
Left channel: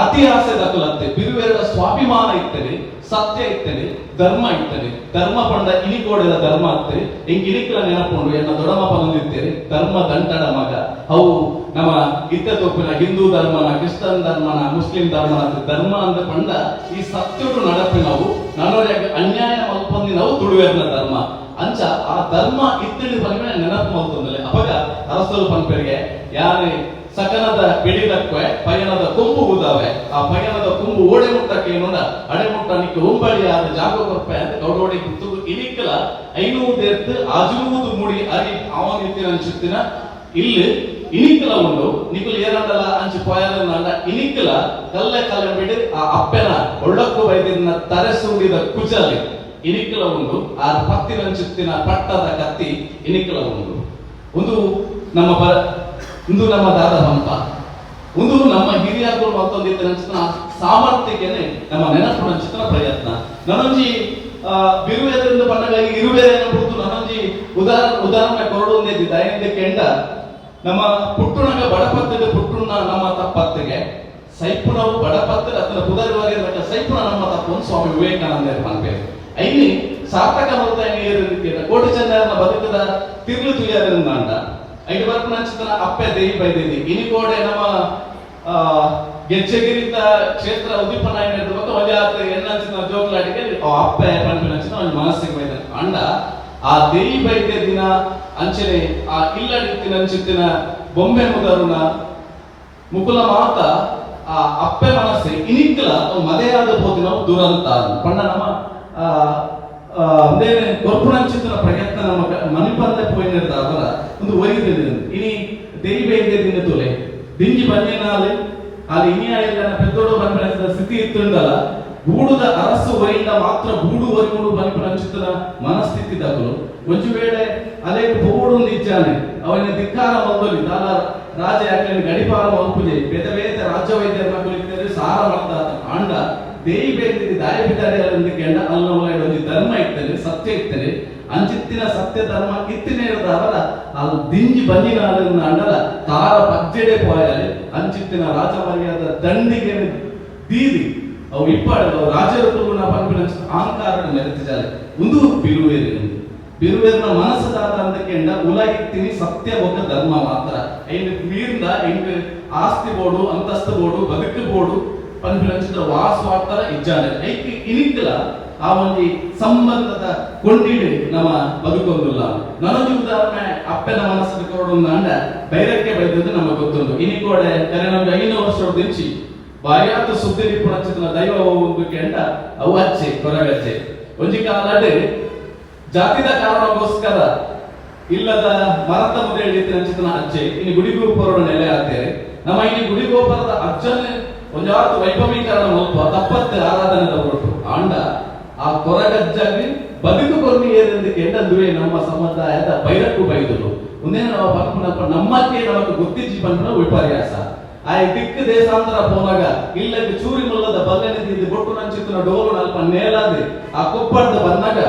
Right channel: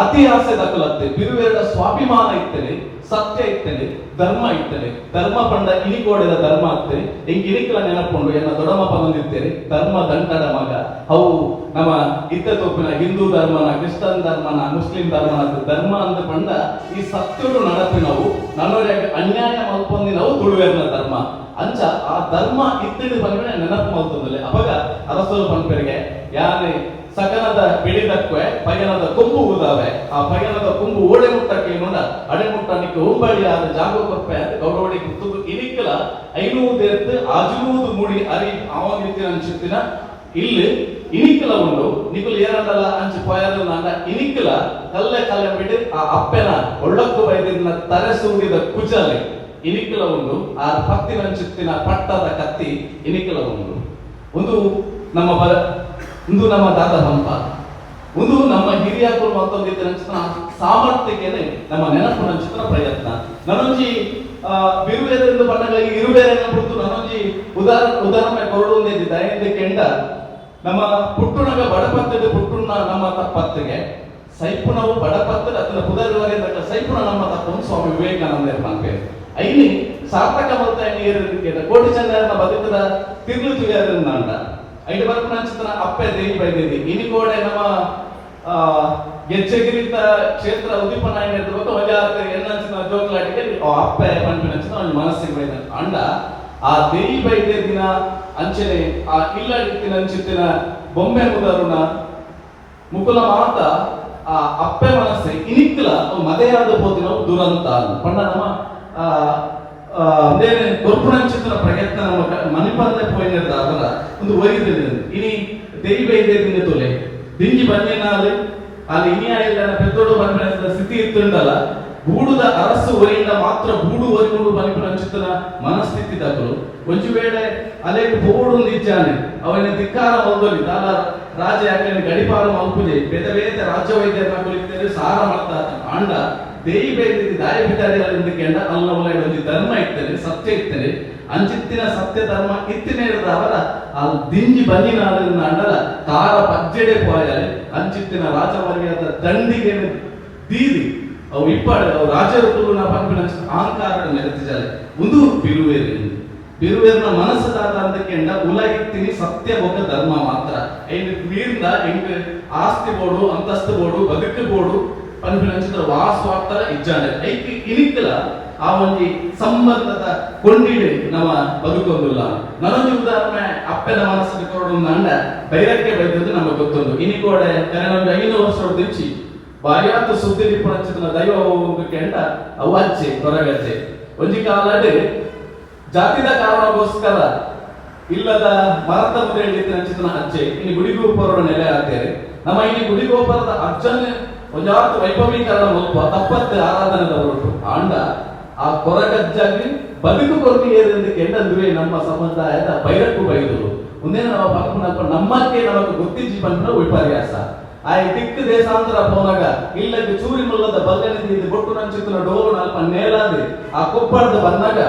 ಅತಿ ಆಸೆ ದಕ್ಕಲತ್ತೆ ಬಿರುವೇದ ಸ್ವಾಭಿಮಾನ ಇರ್ತೇನೆ ಸತ್ಯ ಇರ್ತೇನೆ ಧರ್ಮ ಇರ್ತೇನೆ ಧರ್ಮ ಪಂಡ ಇಲಿಕೋಡಿದ ಧರ್ಮ ಅತ್ತೆ ಎಂಗೆ ಇಲಿಕಲ ನೆನಪುಂಡು ಎನ್ನ ದೊಡಮ ಪನಂದಿರ್ತೇನೆ ಧರ್ಮ ದಂಟಡ ಮಗ ಅವು ನಮ್ಮ ಇತ್ತ ತೋಪಿನ ಹಿಂದೂ ಧರ್ಮನ ಕ್ರಿಶ್ಚಿಯನ್ ಧರ್ಮನ ಮುಸ್ಲಿಂ ಧರ್ಮ ಅಂತ ಪಂಡ ಈ ಸತ್ಯಡು ನಡಪಿನವು ನನ್ನೋರಿಗೆ ಅನ್ಯಾಯ ಮಲ್ಪೊಂದಿನವು ತುಳುವೇರ್ನ ಧರ್ಮ ಅಂಚ ಆ ಧರ್ಮ ಇತ್ತಿನ ಬಂದ್ರೆ ನೆನಪು ಮಲ್ತೊಂದಲೆ ಅವಾಗ ಅರಸಲು ಪಂಪರಿಗೆ ಯಾರೇ ಸಕನದ ಬಿಡಿದಕ್ಕವೆ ಪಯನದ ಕೊಂಬು ಊದಾವೆ ಆ ಪಯನದ ಕೊಂಬು ಓಡೆ ಮುಟ್ಟಕ್ಕೆ ನೋಡ ಅಡೆ ಮುಟ್ಟನಿಕ್ಕೆ ಒಂಬಳಿ ಆದ ಜಾಗ ಕೊರಪೆ ಅಂತ ಗೌಡೋಡಿ ಕುತ್ತು ಇಲಿಕ್ಕಲ 500 ಎತ್ತು ಆಜುನೂದು ಮುಡಿ ಅರಿ ಅವನಿತ್ತಿನ ಅನ್ಸುತ್ತಿನ ಇಲ್ಲಿ ಇನಿಕಲ ಉಂಡು ನಿಕುಲು ಏನಂದಲ್ಲ ಅಂಚು ಪಯನದ ಇನಿಕಲ ಕಲ್ಲೆ ಕಾಲ ಬಿಡಿ ಆ ಅಪ್ಪೆನ ಒಳ್ಳಕ್ಕು ಬೈದಿನ ತರೆಸೂಡಿದ ಕುಜಲಿ ಇನಿಕಲ ಉಂಡು ಆ ಪತ್ತಿನ ಅನ್ಸುತ್ತಿನ ಪಟ್ಟದ ಕತ್ತಿ ಇನಿಕಲ ಉಂಡು ಒಂದು ನಮ್ಮ ದಾದ ಹಂಪ ಒಂದು ನಮ್ಮ ಹಿರಿಯರು ಮತ್ತೊಂದಿದ್ದ ಸಾಮರ್ಥ್ಯಕ್ಕೆ ನಮ್ಮ ನೆನಪು ಹಂಚಿನ ಪ್ರಯತ್ನ ನನ್ನೊಂಜಿ ಬಿರುವೇರಿಂದ ಬಂದಾಗ ಇರುವೇರೆ ಬಿಟ್ಟು ನನ್ನೊಂಜಿ ಉದಾಹರಣೆ ಕೊರಡು ದಯದಿಂದ ಕೆಂಡ ನಮ್ಮ ಪುಟ್ಟುಣಗ ಬಡಪತ್ತಿಗೆ ಪುಟ್ಟುಣ್ಣ ನಮ್ಮ ತಪ್ಪತ್ತಿಗೆ ಸೈಪುಣವು ಬಡಪತ್ತು ಅದನ್ನ ಪುದರುವರೆ ಸೈಪುಣ ನಮ್ಮ ತಪ್ಪನ್ನು ಸ್ವಾಮಿ ವಿವೇಕಾನಂದ ನಂಪೇರು ಐನಿ ಸಾರ್ಥಕ ಮೃತ ಕೋಟಿ ಚಂದ್ರನ ಬದುಕದ ತಿರ್ಲು ತುಯ್ಯಾದ್ರಿಂದ ಅಂಡ ಐದು ಬರ್ಕು ನಂಚಿನ ಅಪ್ಪೆ ದೇವಿ ಬೈದೇವಿ ಇನಿ ಕೋಡೆ ನಮ್ಮ ಗೆಜ್ಜೆಗಿರಿತ ಕ್ಷೇತ್ರ ಉದಿಪನ ಬಗ್ಗೆ ಮಜಾತ ಎನ್ನಂಚಿನ ಜೋಗ್ಲಾಟಿಗೆ ಅಪ್ಪೆ ಪಂಪಿನಂಚಿನ ಒಂದು ಮನಸ್ಸಿಗೆ ಬೈದ ಅಂಡ ಆ ದೇವಿ ಬೈದೆ ದಿನ ಅಂಚನೆ ಆ ಇಲ್ಲಡಿತ್ತಿನ ಅಂಚಿತ್ತಿನ ಬೊಂಬೆ ಮುದರುನ ಮುಕುಲ ಮಾತ ಆ ಅಪ್ಪೆ ಮನಸ್ಸೆ ಇನಿಕ್ಕಲ ಮದೆಯಾದ ಹೋದಿನ ದುರಂತ ಪಣ್ಣ ನಮ್ಮ ಅಂದೇನೆ ಕೊರ್ಪುಣಂಚಿತ್ತಿನ ಪ್ರಯತ್ನ ನಮ್ಮ ಮನಿಪಂದೆ ಪೋಯಿನದ ಅವರ ಒಂದು ಒರಿದಿದೆ ಇನಿ ದೇವಿ ಬೈದೆ ದಿನ ತೋಲೆ ದಿಂಜಿ ಬಂದಿನಾಲೆ ಅಲ್ಲಿ ಇನಿಯ ಎಲ್ಲ ಪೆದ್ದೋಡು ಬಂದ ಸ್ಥಿತಿ ಇತ್ತುಂಡಲ್ಲ ಗೂಡುದ ಅರಸು ಒರಿಯಿಂದ ಮಾತ್ರ ಗೂಡು ಒರಿಗುಡು ಬನಿಪುಣಂಚಿತ್ತಿನ ಮನಸ್ಥಿತಿ ತಗಲು ಒಂದು ವೇಳೆ ಅಲೆಗೆ ಬೋಡು ನಿಜ್ಜಾನೆ ಅವನ ಧಿಕ್ಕಾರ ಮಲ್ದೊಲಿ ತಾಲ ರಾಜ ಯಾಕೆ ಗಡಿಪಾಲ ಮಲ್ಪುಜೆ ಬೇತ ಬೇತ ರಾಜ್ಯ ವೈದ್ಯರನ್ನ ಕುಳಿತರೆ ಸಾರ ಮಾಡ್ತಾ ಅಂಡ ದೇಯಿ ಬೇದಿ ದಾಯ ಬಿದ್ದಾಡಿ ಕೆಂಡ ಅಲ್ಲ ಒಂದು ಧರ್ಮ ಇರ್ತದೆ ಸತ್ಯ ಇರ್ತದೆ ಅಂಚಿತ್ತಿನ ಸತ್ಯ ಧರ್ಮ ಇತ್ತಿನ ಅವರ ಆ ದಿಂಜಿ ಬಂದಿನ ಅಂಡಲ ತಾರ ಪಜ್ಜೆಡೆ ಪೋಯಾಲೆ ಅಂಚಿತ್ತಿನ ರಾಜಮರ್ಯಾದ ದಂಡಿಗೆ ದೀದಿ ಅವು ಇಪ್ಪಾಡು ಅವು ರಾಜರ ತುಳುನ ಪಂಪಿನ ಅಹಂಕಾರ ಮೆರೆತಿಜಾಲೆ ಒಂದು ಬಿರುವೇರಿನ ಮನಸ್ಸದಾದ ಅಂತ ಕೆಂಡ ಉಲ ಇತ್ತಿನಿ ಸತ್ಯ ಒಕ್ಕ ಧರ್ಮ ಮಾತ್ರ ಐದು ನೀರಿಂದ ಹೆಂಗ್ ಆಸ್ತಿ ಬೋಡು ಅಂತಸ್ತು ಬೋಡು ಬದುಕು ಬೋಡು ಪಂಪಿನ ವಾಸವಾಗ್ತಾರ ಇಜ್ಜಾನೆ ಐಕಿ ಇನಿಕ್ಕಲ ಆ ಒಂದು ಸಂಬಂಧದ ಕೊಂಡಿಡೆ ನಮ್ಮ ಬದುಕೊಂದಿಲ್ಲ ನನಗೆ ಉದಾಹರಣೆ ಅಪ್ಪನ ಮನಸ್ಸಿಗೆ ಕೊರಡು ಅಂಡ ಬೈರಕ್ಕೆ ಬೈದದ್ದು ನಮಗೆ ಗೊತ್ತೊಂದು ಇನಿಕೋಡೆ ಕರೆ ನಮ್ಗೆ 500 ವರ್ಷ ದಿಂಚಿ ಬಾಯಾತು ಸುದ್ದಿ ನಿಪುಣ ದೈವ ಒಂದು ಕೆಂಡ ಅವು ಅಚ್ಚೆ ಕೊರಗಚ್ಚೆ ಒಂಜಿ ಕಾಲಡೆ ಜಾತಿದ ಕಾರಣಕ್ಕೋಸ್ಕರ ಇಲ್ಲದ ಮರದ ಮುದ್ರೆ ಹಿಡಿತಿನ ಅಜ್ಜೆ ಇನ್ನು ಗುಡಿಗೋಪುರದ ನೆಲೆ ಆಗ್ತೇವೆ ನಮ್ಮ ಇಲ್ಲಿ ಗುಡಿಗೋಪುರದ ಅಜ್ಜನ್ನೇ ಒಂಜಾತು ವೈಭವೀಕರಣ ಮುಲ್ಪ ತಪ್ಪತ್ತೆ ಆರಾಧನೆದ ಹೊರಟು ಆಂಡ ಆ ಕೊರಗಜ್ಜಾಗಿ ಬದುಕು ಕೊರನಿ ಏನೆಂದು ಕೆಂಡಂದುವೆ ನಮ್ಮ ಸಮುದಾಯದ ಬೈರಕ್ಕೂ ಬೈದರು ಮುಂದೆ ನಾವು ಪಂಪನಪ್ಪ ನಮ್ಮಕ್ಕೆ ನಮಗೆ ಗೊತ್ತಿಜ್ಜಿ ಪಂಪನ ವಿಪರ್ಯಾಸ ಆ ದಿಕ್ಕು ದೇಶಾಂತರ ಪೋನಾಗ ಇಲ್ಲಕ್ಕೆ ಚೂರಿ ಮುಲ್ಲದ ಬಲ್ಲನಿಂದ ಗೊಟ್ಟು ನಂಚಿತ್ತಿನ ಡೋಲು ನಲ್ಪ ನೇಲಾದೆ ಆ ಕೊಪ್ಪಳದ ಬಂದಾಗ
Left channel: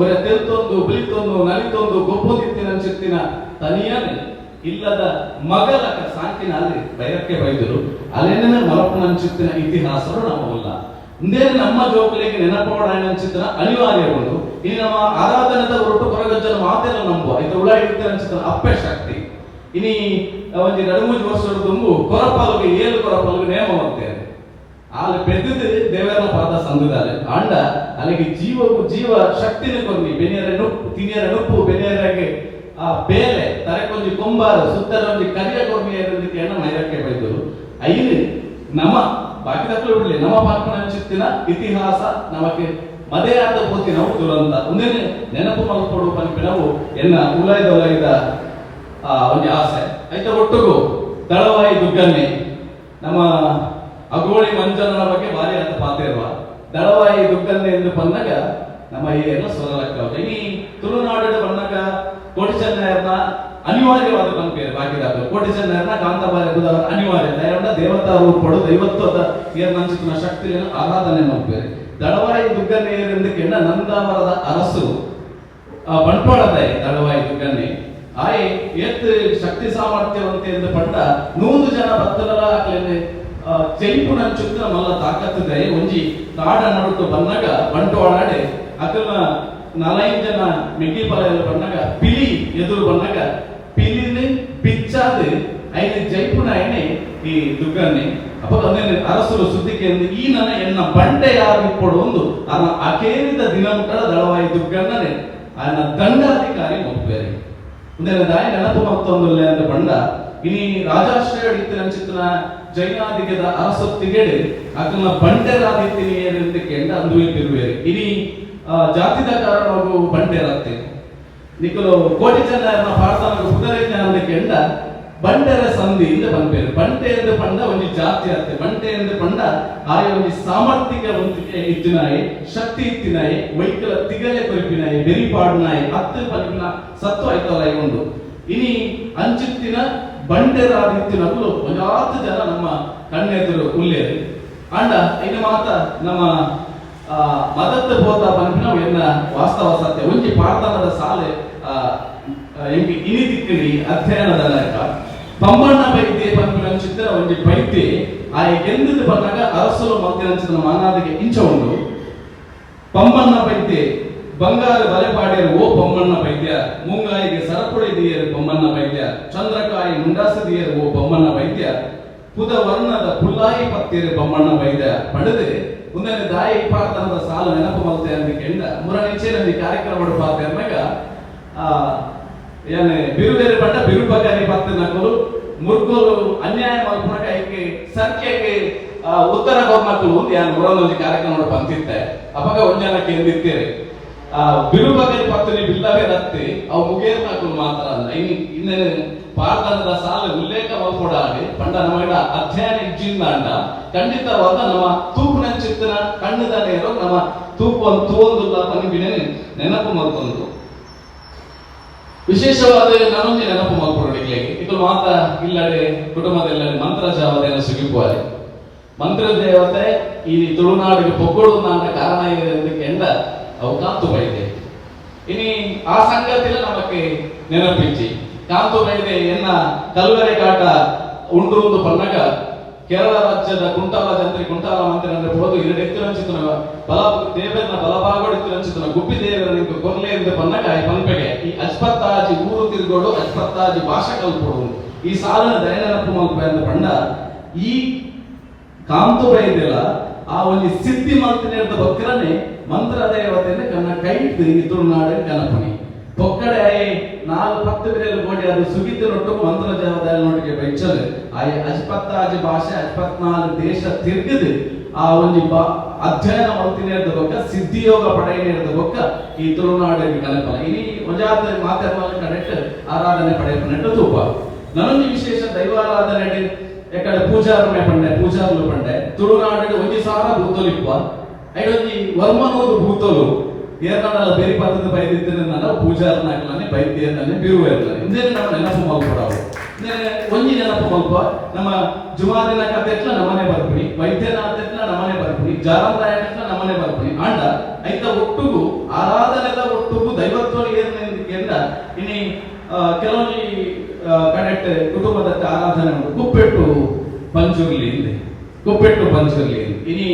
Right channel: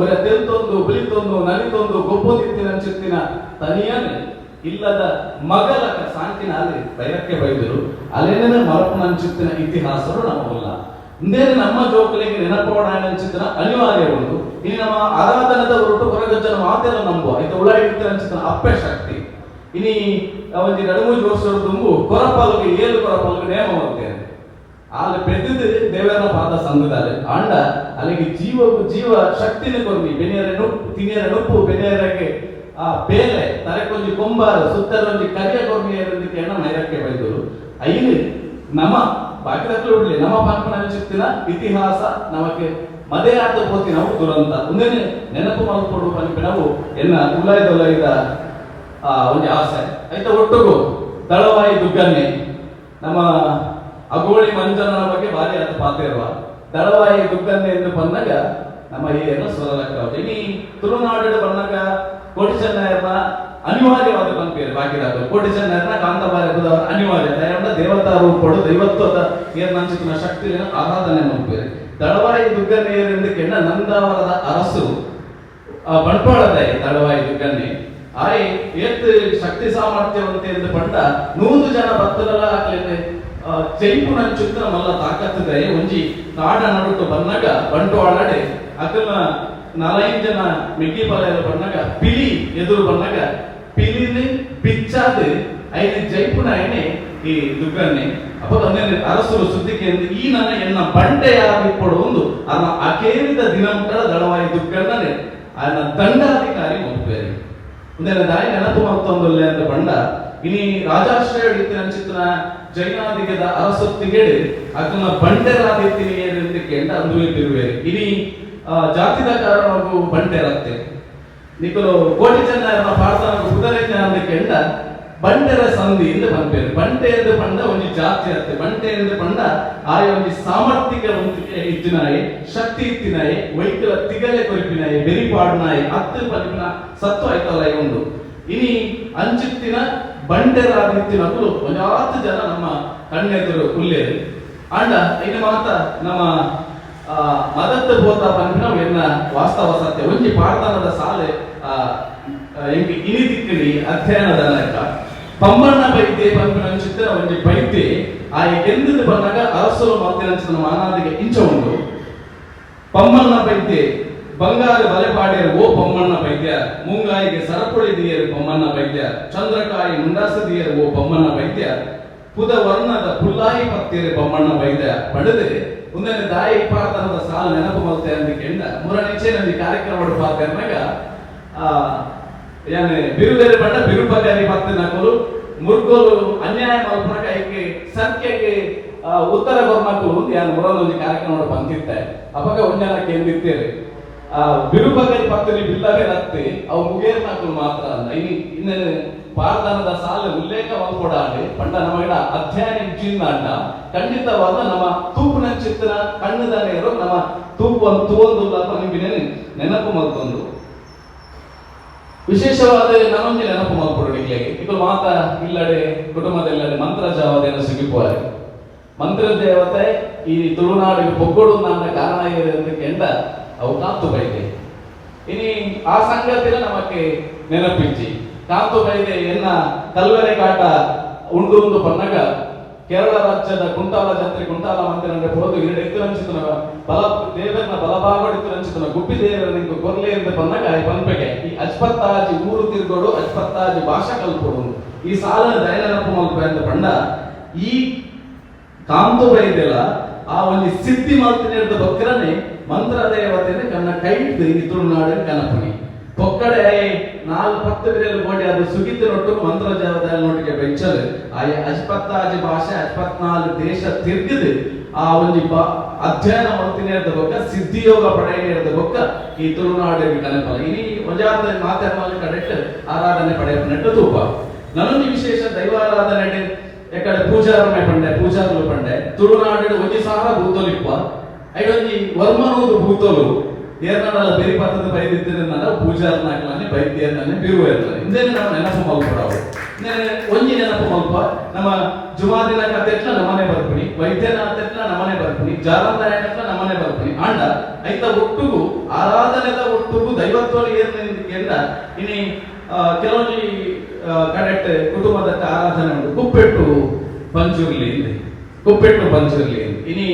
ಒರ ತೆಲ್ತೊಂದು ಬಿಳಿತೊಂದು ನಲಿತೊಂದು ಗೊಬ್ಬುದಿತ್ತಿನ ಚಿತ್ತಿನ ತನಿಯನೆ ಇಲ್ಲದ ಮಗಲ ಸಾಂಕಿನ ಅಲ್ಲಿ ಬೈರಕ್ಕೆ ಬೈದರು ಅಲ್ಲೇನೇ ಮರಪನ ಚಿತ್ತಿನ ಇತಿಹಾಸರು ನಮ್ಮಲ್ಲ ಮುಂದೆ ನಮ್ಮ ಜೋಕಲಿಗೆ ನೆನಪೋಡ ಚಿತ್ತಿನ ಅನಿವಾರ್ಯ ಉಂಟು ಇಲ್ಲಿ ನಮ್ಮ ಆರಾಧನದ ಹೊರಟು ಹೊರಗಜ್ಜನ ಮಾತೆಲ್ಲ ನಂಬುವ ಇದು ಉಳ ಇಡ್ತಿನ ಚಿತ್ತಿನ ಅಪ್ಪೆ ಶಕ್ತಿ ಇನಿ ಒಂದು 2-3 ವರ್ಷದ ತುಂಬು ಕೊರಪಾಲುಗೆ 7 ಕೊರಪಾಲುಗೆ ನೇಮ ಹೋಗ್ತೇನೆ ಅಲ್ಲಿ ಬೆದ್ದದು ದೇವರ ಪಾದ ಸಂದುದಾಲೆ ಅಂಡ ಅಲ್ಲಿಗೆ ಜೀವ ಶಕ್ತಿನ ಕೊರ್ನಿ ಬೆನಿಯರ ತಿನಿಯರ ನುಪ್ಪು ಬೆನಿಯರಗೆ ಆ ಬೇಲೆ ತರಕೊಂಜಿ ಕೊಂಬಾರ ಸುತ್ತರೊಂಜಿ ಕರಿಯ ಕೊರ್ನಿ ಏರದಕ್ಕೆ ನೈರಕ್ಕೆ ಬೈದರು ಐದು ನಮ್ಮ ಬಾಕಿದಕ್ಕೂ ಬಿಡ್ಲಿ ನಮ್ಮ ಪಂಪನ ಚಿತ್ತಿನ ಇತಿಹಾಸ ನಮಗೆ ಮದೇ ಆದ ಪೋತಿ ನಾವು ದುರಂತ ಒಂದೇ ನೆನಪು ಮಾಡಿಕೊಡುವ ಪಂಪಿನವು ಎನ್ನ ಉಲಯದ ಒಂದು ಆಸೆ ಆಯ್ತಾ ಒಟ್ಟಿಗೂ ದಳವಾಯಿ ದುಗ್ಗನ್ನೆ ನಮ್ಮ ಅಗೋಳಿ ಮಂಜನ ಬಗ್ಗೆ ಭಾರಿ ಅಂತ ಪಾತಿರುವ ದಳವಾಯಿ ದುಗ್ಗನ್ನೆ ಎಂದು ಬಂದಾಗ ನಮ್ಮ ಈ ಎಲ್ಲ ಸುರಲಕ್ಕ ಇನಿ ತುಳುನಾಡಿನ ಬಂದಾಗ ಕೋಟಿ ಚೆನ್ನಯ್ಯನ ಅನಿವಾರ್ಯವಾದ ಪಂಪೇರು ಬಾಕಿದಾಗ ಕೋಟಿ ಚೆನ್ನಯ್ಯನ ಕಾಂತಬಾರ ಅನಿವಾರ್ಯ ದೇವತಾ ರೂಪಡು ದೈವತ್ವದ ಏರ್ನಂಚಿನ ಶಕ್ತಿ ಆರಾಧನೆ ಮಾಡ್ಬೇರೆ ದಳವಾಯಿ ದುಗ್ಗನ್ನೆ ಏರಿಂದ ಕೆಂಡ ನಂದಾವರದ ಅರಸರು ಬಂಟ್ವಾಳದ ದಳವಾಯಿ ದುಗ್ಗನ್ನೆ ಆಯೆ ಏತ್ ಶಕ್ತಿ ಸಾಮರ್ಥ್ಯವಂತ ಎಂದು ಪಂಡ 100 ಜನ ಭಕ್ತರಲ್ಲ ಆಗ್ಲೇನೆ ಜೈಪುರ ಚಿತ್ರ ಮಲ್ಲ ತಾಕತ್ತಿದೆ ಒಂಜಿ ನಾಡ ನಡುಟ್ಟು ಬಂದಾಗ ಬಂಟ್ವಾಳಡೆ ಅದನ್ನ 4 ಜನ ಮಿಗಿ ಬಲೆಯಲ್ಲಿ ಬಂದಾಗ ಪಿಲಿ ಎದುರು ಬಂದಾಗ ಪಿಲಿನಿ ಪಿಚ್ಚಾದ ಐದು ಜೈಪುರ ಎಣ್ಣೆ ಈ ದುಗ್ಗನ್ನೆ ಅಪ್ಪ ಅರಸರು ಸುದ್ದಿಗೆ ಈ ನನ್ನ ಎನ್ನ ಬಂಡೆಯಾಗಿ ಕೊಡುವುದು ಅನ್ನ ಅಕೇರಿದ ದಿನಂಕಳ ದಳವಾಯಿ ದುಗ್ಗನ್ನೇ ಅನ್ನ ದಂಡಾಧಿಕಾರಿ ಮುಪ್ಪೇರಿ ಮುಂದೆ ದಾಯಿ ನೆನಪು ಮತ್ತೊಂದು ಅಂತ ಬಂಡ ಇನಿ ರಾಜಾಶ್ರಯ ಇತ್ತಿನ ಚಿತ್ರ ಜೈನಾದಿಗದ ಅರಸೊತ್ತಿಗೆಡೆ ಅದನ್ನ ಬಂಡೆರಾದಿತ್ತೀನಿ ಅಂತ ಕೆಂಡ ಅಂದುವೆ ಬಿರುವೇರಿ ಇನಿ ಜಾತಿದ ಕಾರಣವು ಬಂಡೆರತ್ತೆ ನಿಕಲು ಕೋಟಿ ಚೆನ್ನಯ್ಯನ ಪಾಡ್ತಾನ ಕುದುರೆಜ್ಞ ಅಂತ ಕೆಂಡ ಬಂಡೆರ ಸಂಧಿ ಎಂದು ಪಂಪೇರು ಬಂಟೆ ಎಂದು ಪಂಡ ಒಂದು ಜಾತಿ ಅತ್ತೆ ಬಂಟೆ ಎಂದು ಪಂಡ ಆಯ ಒಂದು ಸಾಮರ್ಥ್ಯಿಕ ಇತ್ತಿನಾಯಿ ಶಕ್ತಿ ಇತ್ತಿನಾಯಿ ವೈಕಲ ತಿಗಲೆ ಕೊರಿಪಿನಾಯಿ ಬೆರಿಪಾಡ್ನಾಯಿ ಹತ್ತು ಪಲಿಪಿನ ಸತ್ವ ಆಯ್ತಲ್ಲ ಒಂದು ಇನಿ ಅಂಚಿತ್ತಿನ ಬಂಡೆರಾದಿತ್ತಿನಗಳು 10 ಜನ ನಮ್ಮ ಕಣ್ಣೆದುರು ಉಲ್ಲೇರಿ ಅಂಡ ಇನ್ನು ಮಾತ ನಮ್ಮ ಮದತ್ತ ಬೋತ ಪಂಪಿನ ಎನ್ನ ವಾಸ್ತವ ಸತ್ಯ ಒಂಜಿ ಪಾಡ್ತಾನದ ಸಾಲೆ ಇನಿ ದಿಕ್ಕಿನಿ ಅಧ್ಯಯನದ ಲೆಕ್ಕ ಪಂಬಣ್ಣ ಬೈದ್ಯ ಪಂಪಿನ ಚಿತ್ರ ಒಂಜಿ ಬೈದ್ಯ ಆ ಎಂದಿದ್ದು ಬಂದಾಗ ಅರಸಲು ಮಲ್ತಿನ ಮಾನಾದಿಗೆ ಇಂಚ ಉಂಡು ಪಮ್ಮಣ್ಣ ಪೈದ್ಯ ಬಂಗಾರ ಬಲೆಪಾಡಿಯರು ಓ ಪಮ್ಮಣ್ಣ ಪೈದ್ಯ ಮುಂಗಾಯಿಗೆ ಸರಪುಳಿದಿಯರು ಪಮ್ಮಣ್ಣ ಪೈದ್ಯ ಚಂದ್ರಕಾಯಿ ಮುಂಡಾಸದಿಯರು ಓ ಪಮ್ಮಣ್ಣ ಪೈದ್ಯ ಪುದ ವರ್ಣದ ಪುಲ್ಲಾಯಿ ಪತ್ತಿಯರು ಪಮ್ಮಣ್ಣ ಪೈದ್ಯ ಪಡೆದು ಮುಂದೆ ದಾಯಿ ಪಾರ್ತನದ ಸಾಲು ನೆನಪು ಮಲ್ತೆ ಅಂದ ಕೆಂಡ ಮೂರನೆಚ್ಚೆ ನಂದಿ ಕಾರ್ಯಕ್ರಮ ಪಾರ್ತೆ ಅಂದಾಗ ಏನ್ ಬಿರುಬೇರೆ ಬಂಡ ಬಿರುಬಗಾರಿ ಪತ್ತೆ ನಕಲು ಮುರ್ಗೋಲು ಅನ್ಯಾಯ ಮಲ್ಪನ ಕೈಗೆ ಸಂಖ್ಯೆಗೆ ಉತ್ತರ ಗೊರ್ನಕಲು ಯಾನ್ ಮೂರೊಂದು ಕಾರ್ಯಕ್ರಮ ಪಂತಿತ್ತೆ ಅವಾಗ ಒಂಜನಕ್ಕೆ ಎಂದಿತ್ತೇವೆ ಬಿರುಬಗಲಿ ಪತ್ತಲಿ ಬಿಲ್ಲವೇ ರತ್ತೆ ಅವು ಮುಗೇರ್ ನಾಕು ಮಾತ್ರ ಅಲ್ಲ ಇನ್ನೇನು ಪಾರ್ದಾನದ ಸಾಲ ಉಲ್ಲೇಖ ಮಾಡ್ಕೊಡಾಡಿ ಪಂಡ ನಮ್ಮ ಅಧ್ಯಯನ ಇಜ್ಜಿಂದ ಅಂಡ ಖಂಡಿತವಾದ ನಮ್ಮ ತೂಪಿನ ಚಿತ್ತನ ಕಣ್ಣದಲ್ಲೇ ಇರೋ ನಮ್ಮ ತೂಪನ್ನು ತೋಂದುಲ್ಲ ಪನಿಬಿನ ನೆನಪು ಮಾಡ್ಕೊಂಡು ವಿಶೇಷವಾದ ನನ್ನೊಂದು ನೆನಪು ಮಾಡ್ಕೊಡಲಿಕ್ಕೆ ಇದು ಮಾತ್ರ ಇಲ್ಲಡೆ ಕುಟುಂಬದಲ್ಲಡೆ ಮಂತ್ರ ಜಾವದೇನ ಸುಗಿಪುವಾರಿ ಮಂತ್ರ ದೇವತೆ ಈ ತುಳುನಾಡಿಗೆ ಪೊಕ್ಕೊಡು ಅಂತ ಕಾರಣ ಎಂದ ಅವು ಕಾಂತು ಬೈದೆ ಇನಿ ಆ ಸಂಗತಿಲ ನಮಕ್ಕೆ ನೆನಪಿಚ್ಚಿ ಕಾಂತು ಬೈದೆ ಎನ್ನ ಕಲ್ವರೆ ಕಾಟ ಉಂಡು ಪನ್ನಗ ಕೇರಳ ರಾಜ್ಯದ ಕುಂಟಾಲ ಜಾತ್ರೆ ಕುಂಟಾಲ ಮಂತ್ರಿ ಅಂದ್ರೆ ಹೋದು ಎರಡು ಎತ್ತುರಂಚಿತನ ಬಲ ದೇವರನ್ನ ಬಲಭಾಗಡಿತ್ತುರಂಚಿತನ ಗುಬ್ಬಿ ದೇವರನ್ನ ಕೊರ್ಲೆ ಎಂದು ಪನ್ನಗ ಪಂಪೆಗೆ ಈ ಅಜ್ಪತ್ತಾಜಿ ಊರು ತಿರುಗೋಡು ಅಜ್ಪತ್ತಾಜಿ ಭಾಷಾ ಕಲ್ಪೋಡು ಈ ಸಾಲನ ದಯನಪ್ಪ ಮಲ್ಪ ಎಂದು ಪಂಡ ಈ ಕಾಂತು ಬೈದೆಲ್ಲ ಆ ಒಂದು ಸಿದ್ಧಿ ಮಾಲ್ತಿನ ಬಕ್ಕರನೆ ಮಂತ್ರ ದೇವತೆನೆ ಕನ್ನ ಕೈ ತುಳುನಾಡು ಕನಪಣಿ ಪೊಕ್ಕಡೆ 4-10 ಬಿರೇಲು ಗೋಡಿ ಅದು ಸುಗಿತಿನೊಟ್ಟು ಮಂತ್ರ ಜಾವದಲ್ಲಿ ನೋಟಿಗೆ ಬೆಚ್ಚಲು ಆಯ ಅಜ್ಪತ್ತಾಜಿ ಭಾಷೆ 54 ದೇಶ ತಿರ್ಗಿದು ಆ ಒಂದು ಅಧ್ಯಯನ ಮಾಡ್ತೀನಿ ಬೊಕ್ಕ ಸಿದ್ಧಿಯೋಗ ಪಡೆಯ ಬೊಕ್ಕ ಈ ತುಳುನಾಡಿಗೆ ಕನಪಲ ಇನಿ ಮಜಾತ ಮಾತಾಡಲು ಕಡೆಕ್ಟ್ ಆರಾಧನೆ ಪಡೆಯಪನೆಟ್ಟು ತೂಪ ನನ್ನೊಂದು ವಿಶೇಷ ದೈವಾರಾಧನೆ ಎಕಡೆ ಪೂಜಾರನೆ ಪಂಡೆ ಪೂಜಾರಲು ಪಂಡೆ ತುಳುನಾಡು ಒಂಜಿ ಸಾರ ಭೂತೋಲಿಪ್ಪ ಐದೊಂಜಿ ವರ್ಮನೋದು ಭೂತೋಲು ಏರ್ನಾಡಲ್ಲ ಬೇರೆ ಪಾತ್ರದ ಬೈದಿದ್ದೇನೆ ನಾನು ಪೂಜಾರನ ಹಾಕಲಾನೆ ಬೈದ್ಯರನೇ ಬಿರುವೇರ್ಲಾನೆ ಇಂದೇನೆ ನಮ್ಮ ನೆನಪು ಮಲ್ಪಡಾವು ಒಂಜಿ ನೆನಪು ಮಲ್ಪ ನಮ್ಮ ಜುಮಾದಿನ ಕತೆಟ್ಲ ನಮ್ಮನೆ ಬರ್ಪಣಿ ವೈದ್ಯನಾಥೆಟ್ಲ ನಮ್ಮನೆ ಬರ್ಪಣಿ ಜಾರಂದಾಯನೆಟ್ಲ ನಮ್ಮನೆ ಬರ್ಪಣಿ ಆಂಡ ಐತ ಒಟ್ಟುಗು ಆರಾಧನೆದ ಒಟ್ಟುಗು ದೈವತ್ವ ಏರ್ನೆಂದ ಇನಿ ಕೆಲವೊಂದು ಕಡೆಕ್ಟ್ ಕುಟುಂಬದ ಆರಾಧನೆ ಉಂಟು ಕುಪ್ಪೆಟ್ಟು ಪಂಚುರ್ಲಿ ಕುಪ್ಪೆಟ್ಟು ಪಂಚುರ್ಲಿ ಇನಿ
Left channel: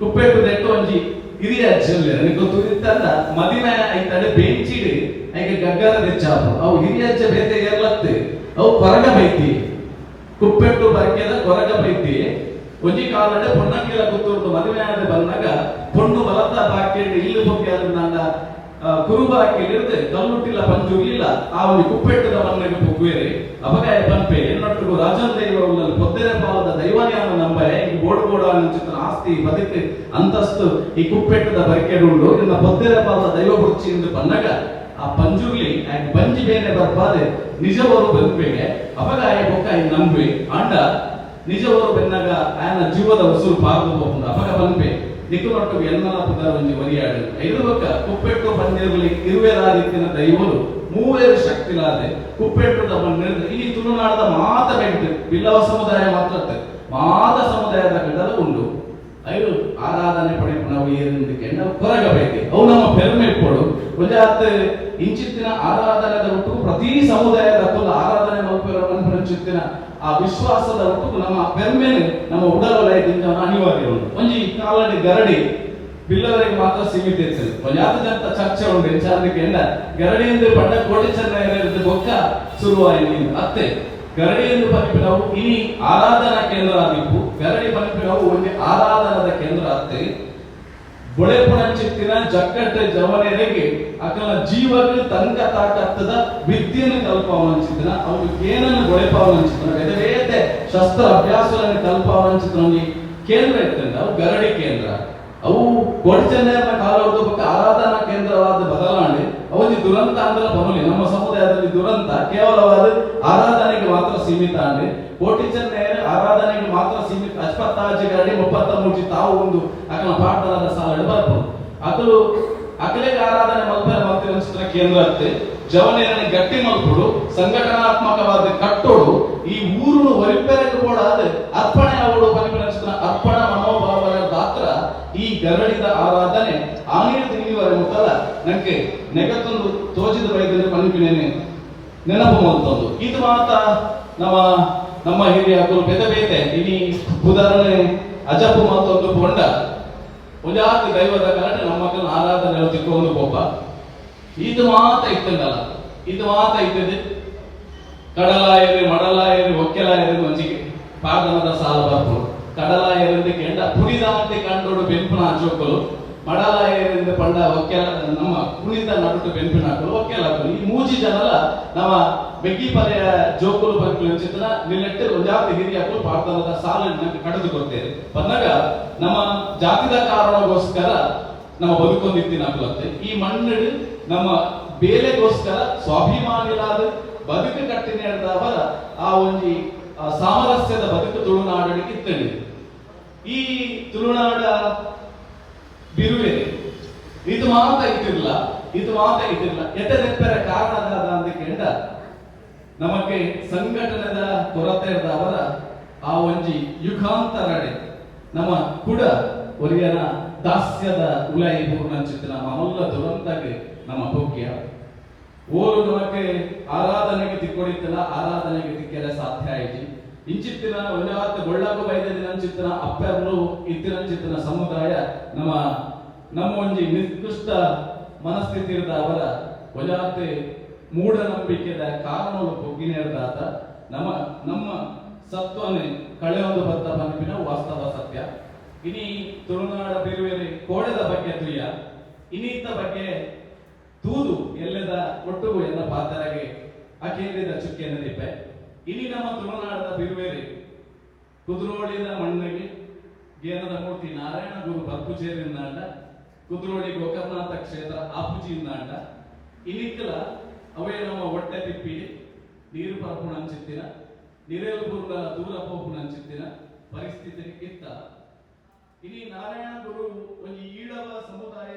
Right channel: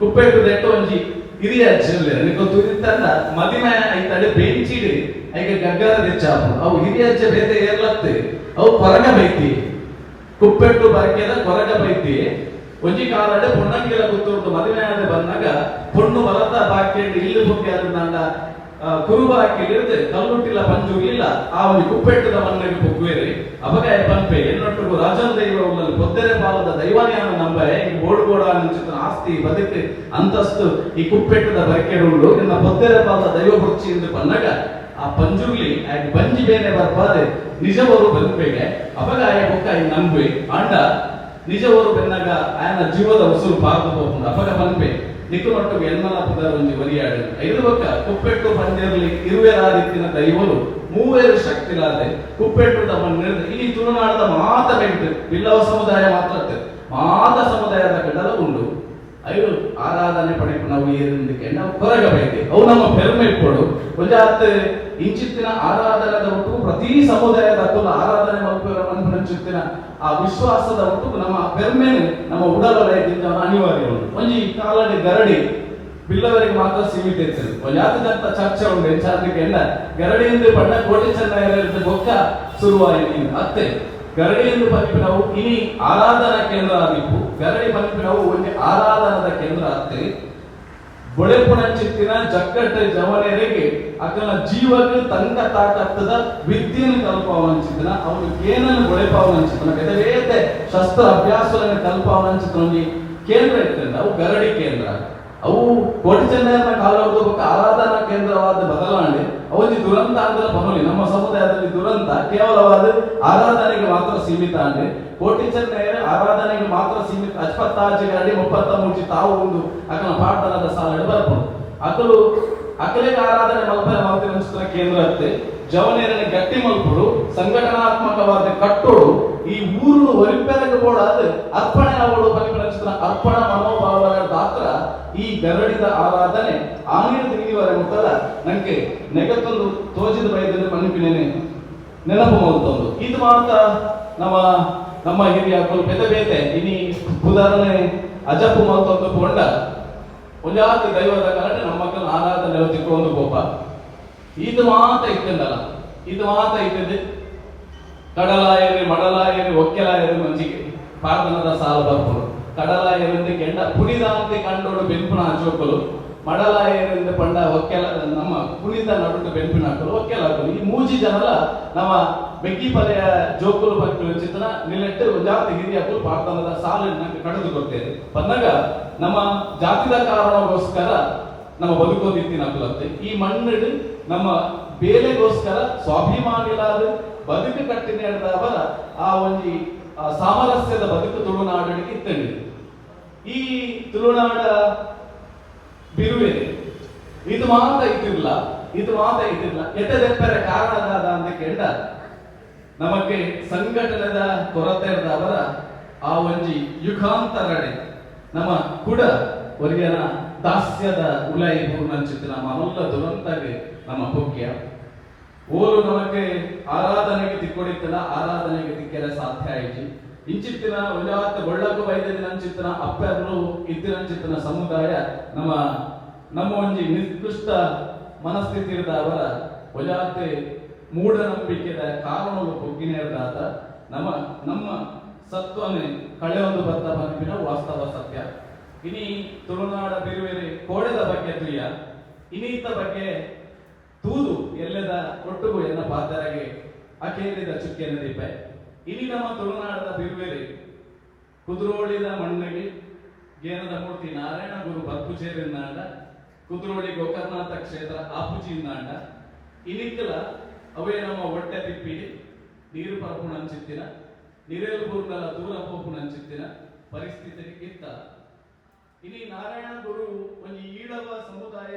ಕುಪ್ಪೆಟ್ಟು ದೆಟ್ಟು ಒಂಜಿ ಹಿರಿಯ ಅಜ್ಜಲ್ಲಿ ನನಗೆ ತುರಿತಂದ ಮದಿಮೆ ಐತಡೆ ಬೆಂಚಿಡಿ ಐಗೆ ಗಗ್ಗರ ದೆಚ್ಚಾಪು ಅವು ಹಿರಿಯ ಅಜ್ಜ ಬೇತೆ ಏರ್ಲತ್ತೆ ಅವು ಕೊರಗ ಬೈತಿ ಕುಪ್ಪೆಟ್ಟು ಬರಕೆದ ಕೊರಗ ಬೈತಿ ಒಂಜಿ ಕಾಲಡೆ ಪೊಣ್ಣಕ್ಕಿಲ ಕುತ್ತೂರ್ದು ಮದಿಮೆ ಆದ ಬಂದಾಗ ಪೊಣ್ಣು ಬಲತ ಬಾಕೇಂಡು ಇಲ್ಲಿ ಹೋಗಿ ಅದನ್ನ ಕುರುಬಾಕಿಲಿರುತ್ತೆ ಕಲ್ಲುಟ್ಟಿಲ್ಲ ಪಂಜುಗಿಲ್ಲ ಆ ಒಂದು ಕುಪ್ಪೆಟ್ಟದ ಮನೆಗೆ ಪೊಗ್ವೇರಿ ಅಬಗಾಯ ಪಂಪೆ ಎನ್ನೊಟ್ಟಿಗೂ ರಾಜನ್ ದೈವ ಉಳ್ಳಲ್ಲಿ ಪೊದ್ದೆರೆ ಪಾಲದ ದೈವನ್ಯಾನ ನಂಬರೆ ಈ ಗೋಡುಗೋಡ ಚಿತ್ರ ಆಸ್ತಿ ಬದುಕು ಅಂತಸ್ತು ಈ ಕುಪ್ಪೆಟ್ಟದ ಬರಕೆಡುಂಡು ಇನ್ನ ಪೊದ್ದೆರೆ ಪಾಲದ ದೈವ ಬುರ್ಚಿ ಎಂದು ಪನ್ನಗ ಆ ಪಂಜುರ್ಲಿ ಬಂಜಿ ಬೇರೆ ಬರ್ಬಾದೆ ನಿಜವರು ಬದುಕಬೇಕೆ ಅಬಗಾಯ ಬೊಕ್ಕ ಈ ನಂಬಿ ಅಂಡ ನಿಜವರು ಬೆನ್ನಾಗ ಆಯನ ಜೀವದ ಉಸುರು ಪಾರ್ದು ಹೋಗ್ಕೊಂಡು ಅಪಗ ಪಂಪೆ ನಿಕ್ಕುಮಟ್ಟು ಎನ್ನಲ ಪುದರ ಒಂಜಿ ಒರಿಯಾಡು ಐದು ಬೊಕ್ಕ ಕುಪ್ಪೆಟ್ಟು ಪಂಜರಲ್ಲಿ ಇರುವೆರಾದಿತ್ತಿನ ದೈವಲು ಮೂವೇರು ಶಕ್ತಿಲಾದೆ ಕುಪ್ಪೆಟ್ಟು ತಮ್ಮ ಇಲ್ಲಿ ತುಳುನಾಡದ ಮಾತ ಬೆಂಟು ಬಿಲ್ಲವ ಸಮುದಾಯ ಮಾತ್ರ ಮಾತ ಸಮುದಾಯದ ಗಡಲ ಉಂಡು ಐದು ಆರಾಧನೆ ಪಡೆದು ನಾವು ಏನಿಂದಕ್ಕೆ ನಾವು ಕೊರಗಬೇಕು ಅವು ನಮ್ಮ ಪೆರ್ಮೆ ಕೊಡು ಒಂಜಾತ್ ಇಂಚಿತ್ತಿನ ಆರಾಧನೆದ ಒಟ್ಟು ಪ್ರತಿ ಸಮುದಾಯದ ಕುಲ ಆರಾಧನೆ ಚಿತ್ತಿನ ಆ ವಿಶ್ವಾಸದ ಒಟ್ಟು ನಮ್ಮ ಪೆರ್ಮೆ ನಮ್ಮ ಉಡಲಯದಿಂದ ಅನಿವಾರ್ಯ ಉಂಟು ಒಂಜಿ ಕಾಲಡಿ ಗರಡಿ ಬಿಲ್ಲವರಿಗೆ ಮಾತ್ರ ಸೀಮಿತ ಇರ್ತದೆ ಒಂಜಾತದಂತ ಚರ್ಚೆ ಉಂಟು ಹೆಚ್ಚಾದಕ್ಕೆ ಗರಡಿ ಎಂದು ಪಂಡ ಕೋಟೆ ಚೆನ್ನೈಯಲ್ಲಿ ಬೊಕ್ಕ ಶುರುವಾಯಿತು ಅತ್ತೆ ಗರಡಿ ಎಂದು ಪಂಪಿನವು ಇನಿ ಆರಾಧನಾ ಕೇಂದ್ರ ಆಗಿತ್ತು ಗರಡಿ ಪಂಪಿನವು ಒಂದು ಆರಾಧನದ ಕೇಂದ್ರ ಅತ್ತೆ ಬೊಳೆಪುಣಚಿತ್ತಿನ ಜಕ್ಕಟ್ಟೆ ಜವನೆರೆಗೆ ಅಕಲ ಜೀವಕ್ಕೆ ತಂಕ ತಾಕತ್ತದ ವಿದ್ಯೆಯನ್ನು ಕಲ್ಪವನಿಸಿದನ ಅವನು ಏನನ್ನು ಬೊಳೆಪಾವನಿಸಿದನ ಎದವೇತೆ ಶಸ್ತ್ರ ಅಭ್ಯಾಸವನ್ನು ಕಲ್ಪವನಿಸಿದನ ಕೇಂದ್ರ ಇರ್ತದೆ ಅವು ಗರಡಿ ಕೇಂದ್ರ ಅವು ಕೋಟೆ ಚೆನ್ನೈನ ಕಾಲದ ಆರಾಧನಾ ಕೇಂದ್ರವಾದ ಬದಲಾವಣೆ ಅವಧಿ ದುರಂತ ಅಂದ್ರೆ ಬಮಲಿ ನಮ್ಮ ಸಮುದಾಯದಲ್ಲಿ ದುರಂತ ಕೇವಲವಾದ ಆರಾಧನೆಗೆ ಮಾತ್ರ ಸೀಮಿತ ಅಂದ್ರೆ ಕೋಟೆ ಚೆನ್ನೈ ಆರಾಧನೆಗೆ ಮಾತ್ರ ಸೀಮಿತ ಅಜ್ಪತ್ತಾಜಿ ಗರಡಿ 33 ತಾವು ಒಂದು ಅಕಲ ಪಾಠದ ಸಾಲ ಬರ್ಬೋದು ಅಕಲು ಅಕಲೆಗೆ ಆರಾಧನೆ ಮಲ್ಪನೆ ಮಾಡ್ತಿರೋ ಕೇಂದ್ರ ಅತ್ತೆ ಜವನೇರನ ಗಟ್ಟಿ ಮಲ್ಪುಡು ಸಂಘಟನಾತ್ಮಕವಾದ ಕಟ್ಟೋಡು ಈ ಊರು ಒರಿಪೆರಗೆ ಕೂಡ ಅರ್ಪಣೆ ಅವಳು ಪರಿಪರಿಸಿದ ಅರ್ಪಣ ಮನೋಭಾವದ ಗಾತ್ರ ಈ ಗರಡಿದ ಆರಾಧನೆ ಆನೇರು ತಿರುಗಿವರ ಮುಖದ ನಂಗೆ ನೆಗತ್ತೊಂದು ತೋಚಿದ ವೈದ್ಯನ ಪಂಪಿನೇನೆ ನೆನಪು ಮಾಡ್ತಂದು ಇದು ಮಾತ್ರ ನಮ್ಮ ನಮ್ಮ ಹಿರಿಯ ಪೆದ ಬೇತೆ ಇನಿ ಉದಾಹರಣೆ ಅಜಪ್ಪು ಮತ್ತೊಂದು ಪೊಂಡ ಒಂಜಾತಿ ದೈವದ ಕಲಟೆ ನಮ್ಮ ಮಕ್ಕಳು ಆರಾಧನೆ ತಿಕ್ಕೊಂಡು ಪೋಪ ಇದು ಮಾತ ಇತ್ತಂಡಲ್ಲ ಇದು ಮಾತ ಇತ್ತದೆ ಕಡಲಾಯರಿ ಮಡಲಾಯರಿ ಒಕ್ಕೆಲಾಯರಿ ಮಂಜಿಗೆ ಪಾದನದ ಸಾಲ ಬರ್ಬೋದು ಕಡಲಾಯರಿಂದ ಕೆಂಡ ಪುಡಿದಾಂತಿ ಕಂಡೋಡು ಬೆಂಪಿನ ಜೋಕಲು ಮಡಲಾಯರಿಂದ ಪಂಡ ಒಕ್ಕೆಲ ನಮ್ಮ ಕುಣಿತ ನಡುಟು ಬೆಂಪಿನ ಹಾಕಲು ಒಕ್ಕೆಲ ಹಾಕಲು ಈ ಮೂಜಿ ಜನಲ ನಮ್ಮ ಬೆಗ್ಗಿ ಪದೆಯ ಜೋಕುಲು ಪಂಕಲು ಚಿತ್ರ ನಿಲ್ಲೆಟ್ಟು ಒಂಜಾತಿ ಹಿರಿಯ ಪಾದನದ ಸಾಲನ್ನು ಕಳೆದುಕೊಳ್ತೇವೆ ಬಂದಾಗ ನಮ್ಮ ಜಾತಿದ ಕಾರಣಗೋಸ್ಕರ ನಮ್ಮ ಬದುಕೊಂದಿತ್ತಿನ ಹಾಕಲತ್ತೆ ಈ ಮಣ್ಣು ನಮ್ಮ ಬೇಲೆಗೋಸ್ಕರ ಸ್ವಾಭಿಮಾನಿಗಳಾದ ಬದುಕು ಕಟ್ಟಿ ನಡೆದವರ ಆ ಒಂದು ಸಾಮರಸ್ಯದ ಬದುಕು ತುಳುನಾಡಿಗೆ ಇತ್ತಂడి ಈ ತುಳುನಾಡ ಬಿರುವೆ ಇದು ಮಾತ್ರ ಇದ್ದಿರಲ್ಲ ಎತ್ತದೆಪ್ಪರ ಕಾರಣದಾದ ಅಂತ ಕೇಳ ನಮಗೆ ಸಂಘಟನೆದ ಕೊರತೆ ಇದ್ದವರ ಆ ಒಂಜಿ ಯುಗಾಂತರಡೆ ನಮ್ಮ ಕೂಡ ಒರಿಯನ ದಾಸ್ಯದ ಉಲೈ ಪೂರ್ಣ ಚಿತ್ರ ನಮ್ಮ ಅಲ್ಲ ದುರಂತಗೆ ನಮ್ಮ ಭೋಗ್ಯ ಓರು ನಮಗೆ ಆರಾಧನೆಗೆ ತಿಕ್ಕೊಡಿತ್ತಲ್ಲ ಆರಾಧನೆಗೆ ತಿಕ್ಕೆರೆ ಸಾಧ್ಯ ಆಯ್ತು ಇಂಚಿತ್ತಿನ ಒಂಜಾತ ಒಳ್ಳಕ ವೈದ್ಯದಿನ ಚಿತ್ರ ಅಪ್ಪರ್ಲು ಇತ್ತಿನ ಚಿತ್ರ ಸಮುದಾಯ ನಮ್ಮ ಒಂಜಿ ನಿಕೃಷ್ಟ ಮನಸ್ಥಿತಿ ಇರದ ಅವರ ಒಜಾತೆ ಮೂಢನಂಬಿಕೆದ ಕಾರಣಗಳು ಬೊಗ್ಗಿನೇರ್ದಾತ ನಮ್ಮ ಸತ್ವನೇ ಕಳೆಯೋದು ಬದ್ದ ಮನಪಿನ ವಾಸ್ತವ ಸತ್ಯ ಇನಿ ತುಳುನಾಡ ಬಿರುವೇರಿ ಕೋಡೆದ ಬಗ್ಗೆ ತುಯ್ಯ ಇನ್ನೀತ ಬಗ್ಗೆ ತೂದು ಎಲ್ಲದ ಒಟ್ಟುಗು ಎನ್ನ ಪಾತರಗೆ ಅಕೇರಿದ ಚುಕ್ಕೆನ ದೀಪೆ ಇನಿ ನಮ್ಮ ತುಳುನಾಡದ ಬಿರುವೇರಿ ಕುದುರೋಳಿನ ಮಣ್ಣಿಗೆ ಗೇನದ ಮೂರ್ತಿ ನಾರಾಯಣ ಗುರು ಬರ್ಪುಚೇರಿನಾಂಡ ಕುದುರೋಳಿ ಗೋಕರ್ನಾಥ ಕ್ಷೇತ್ರ ಆಪುಜಿಯಿಂದಾಂಡ ಇನಿಕ್ಕಲ ಅವೇ ನಮ್ಮ ಹೊಟ್ಟೆ ತಿಪ್ಪಿಡಿ ನೀರು ಪರಪುಣ ಅಂಚಿತ್ತಿನ ನಿರೇಲ್ಪುರ್ಗಲ ದೂರ ಪೋಪುಣ ಅಂಚಿತ್ತಿನ ಪರಿಸ್ಥಿತಿ ಇತ್ತ ಇನಿ ನಾರಾಯಣ ಗುರು ಒಂದು ಈಳವ ಸಮುದಾಯ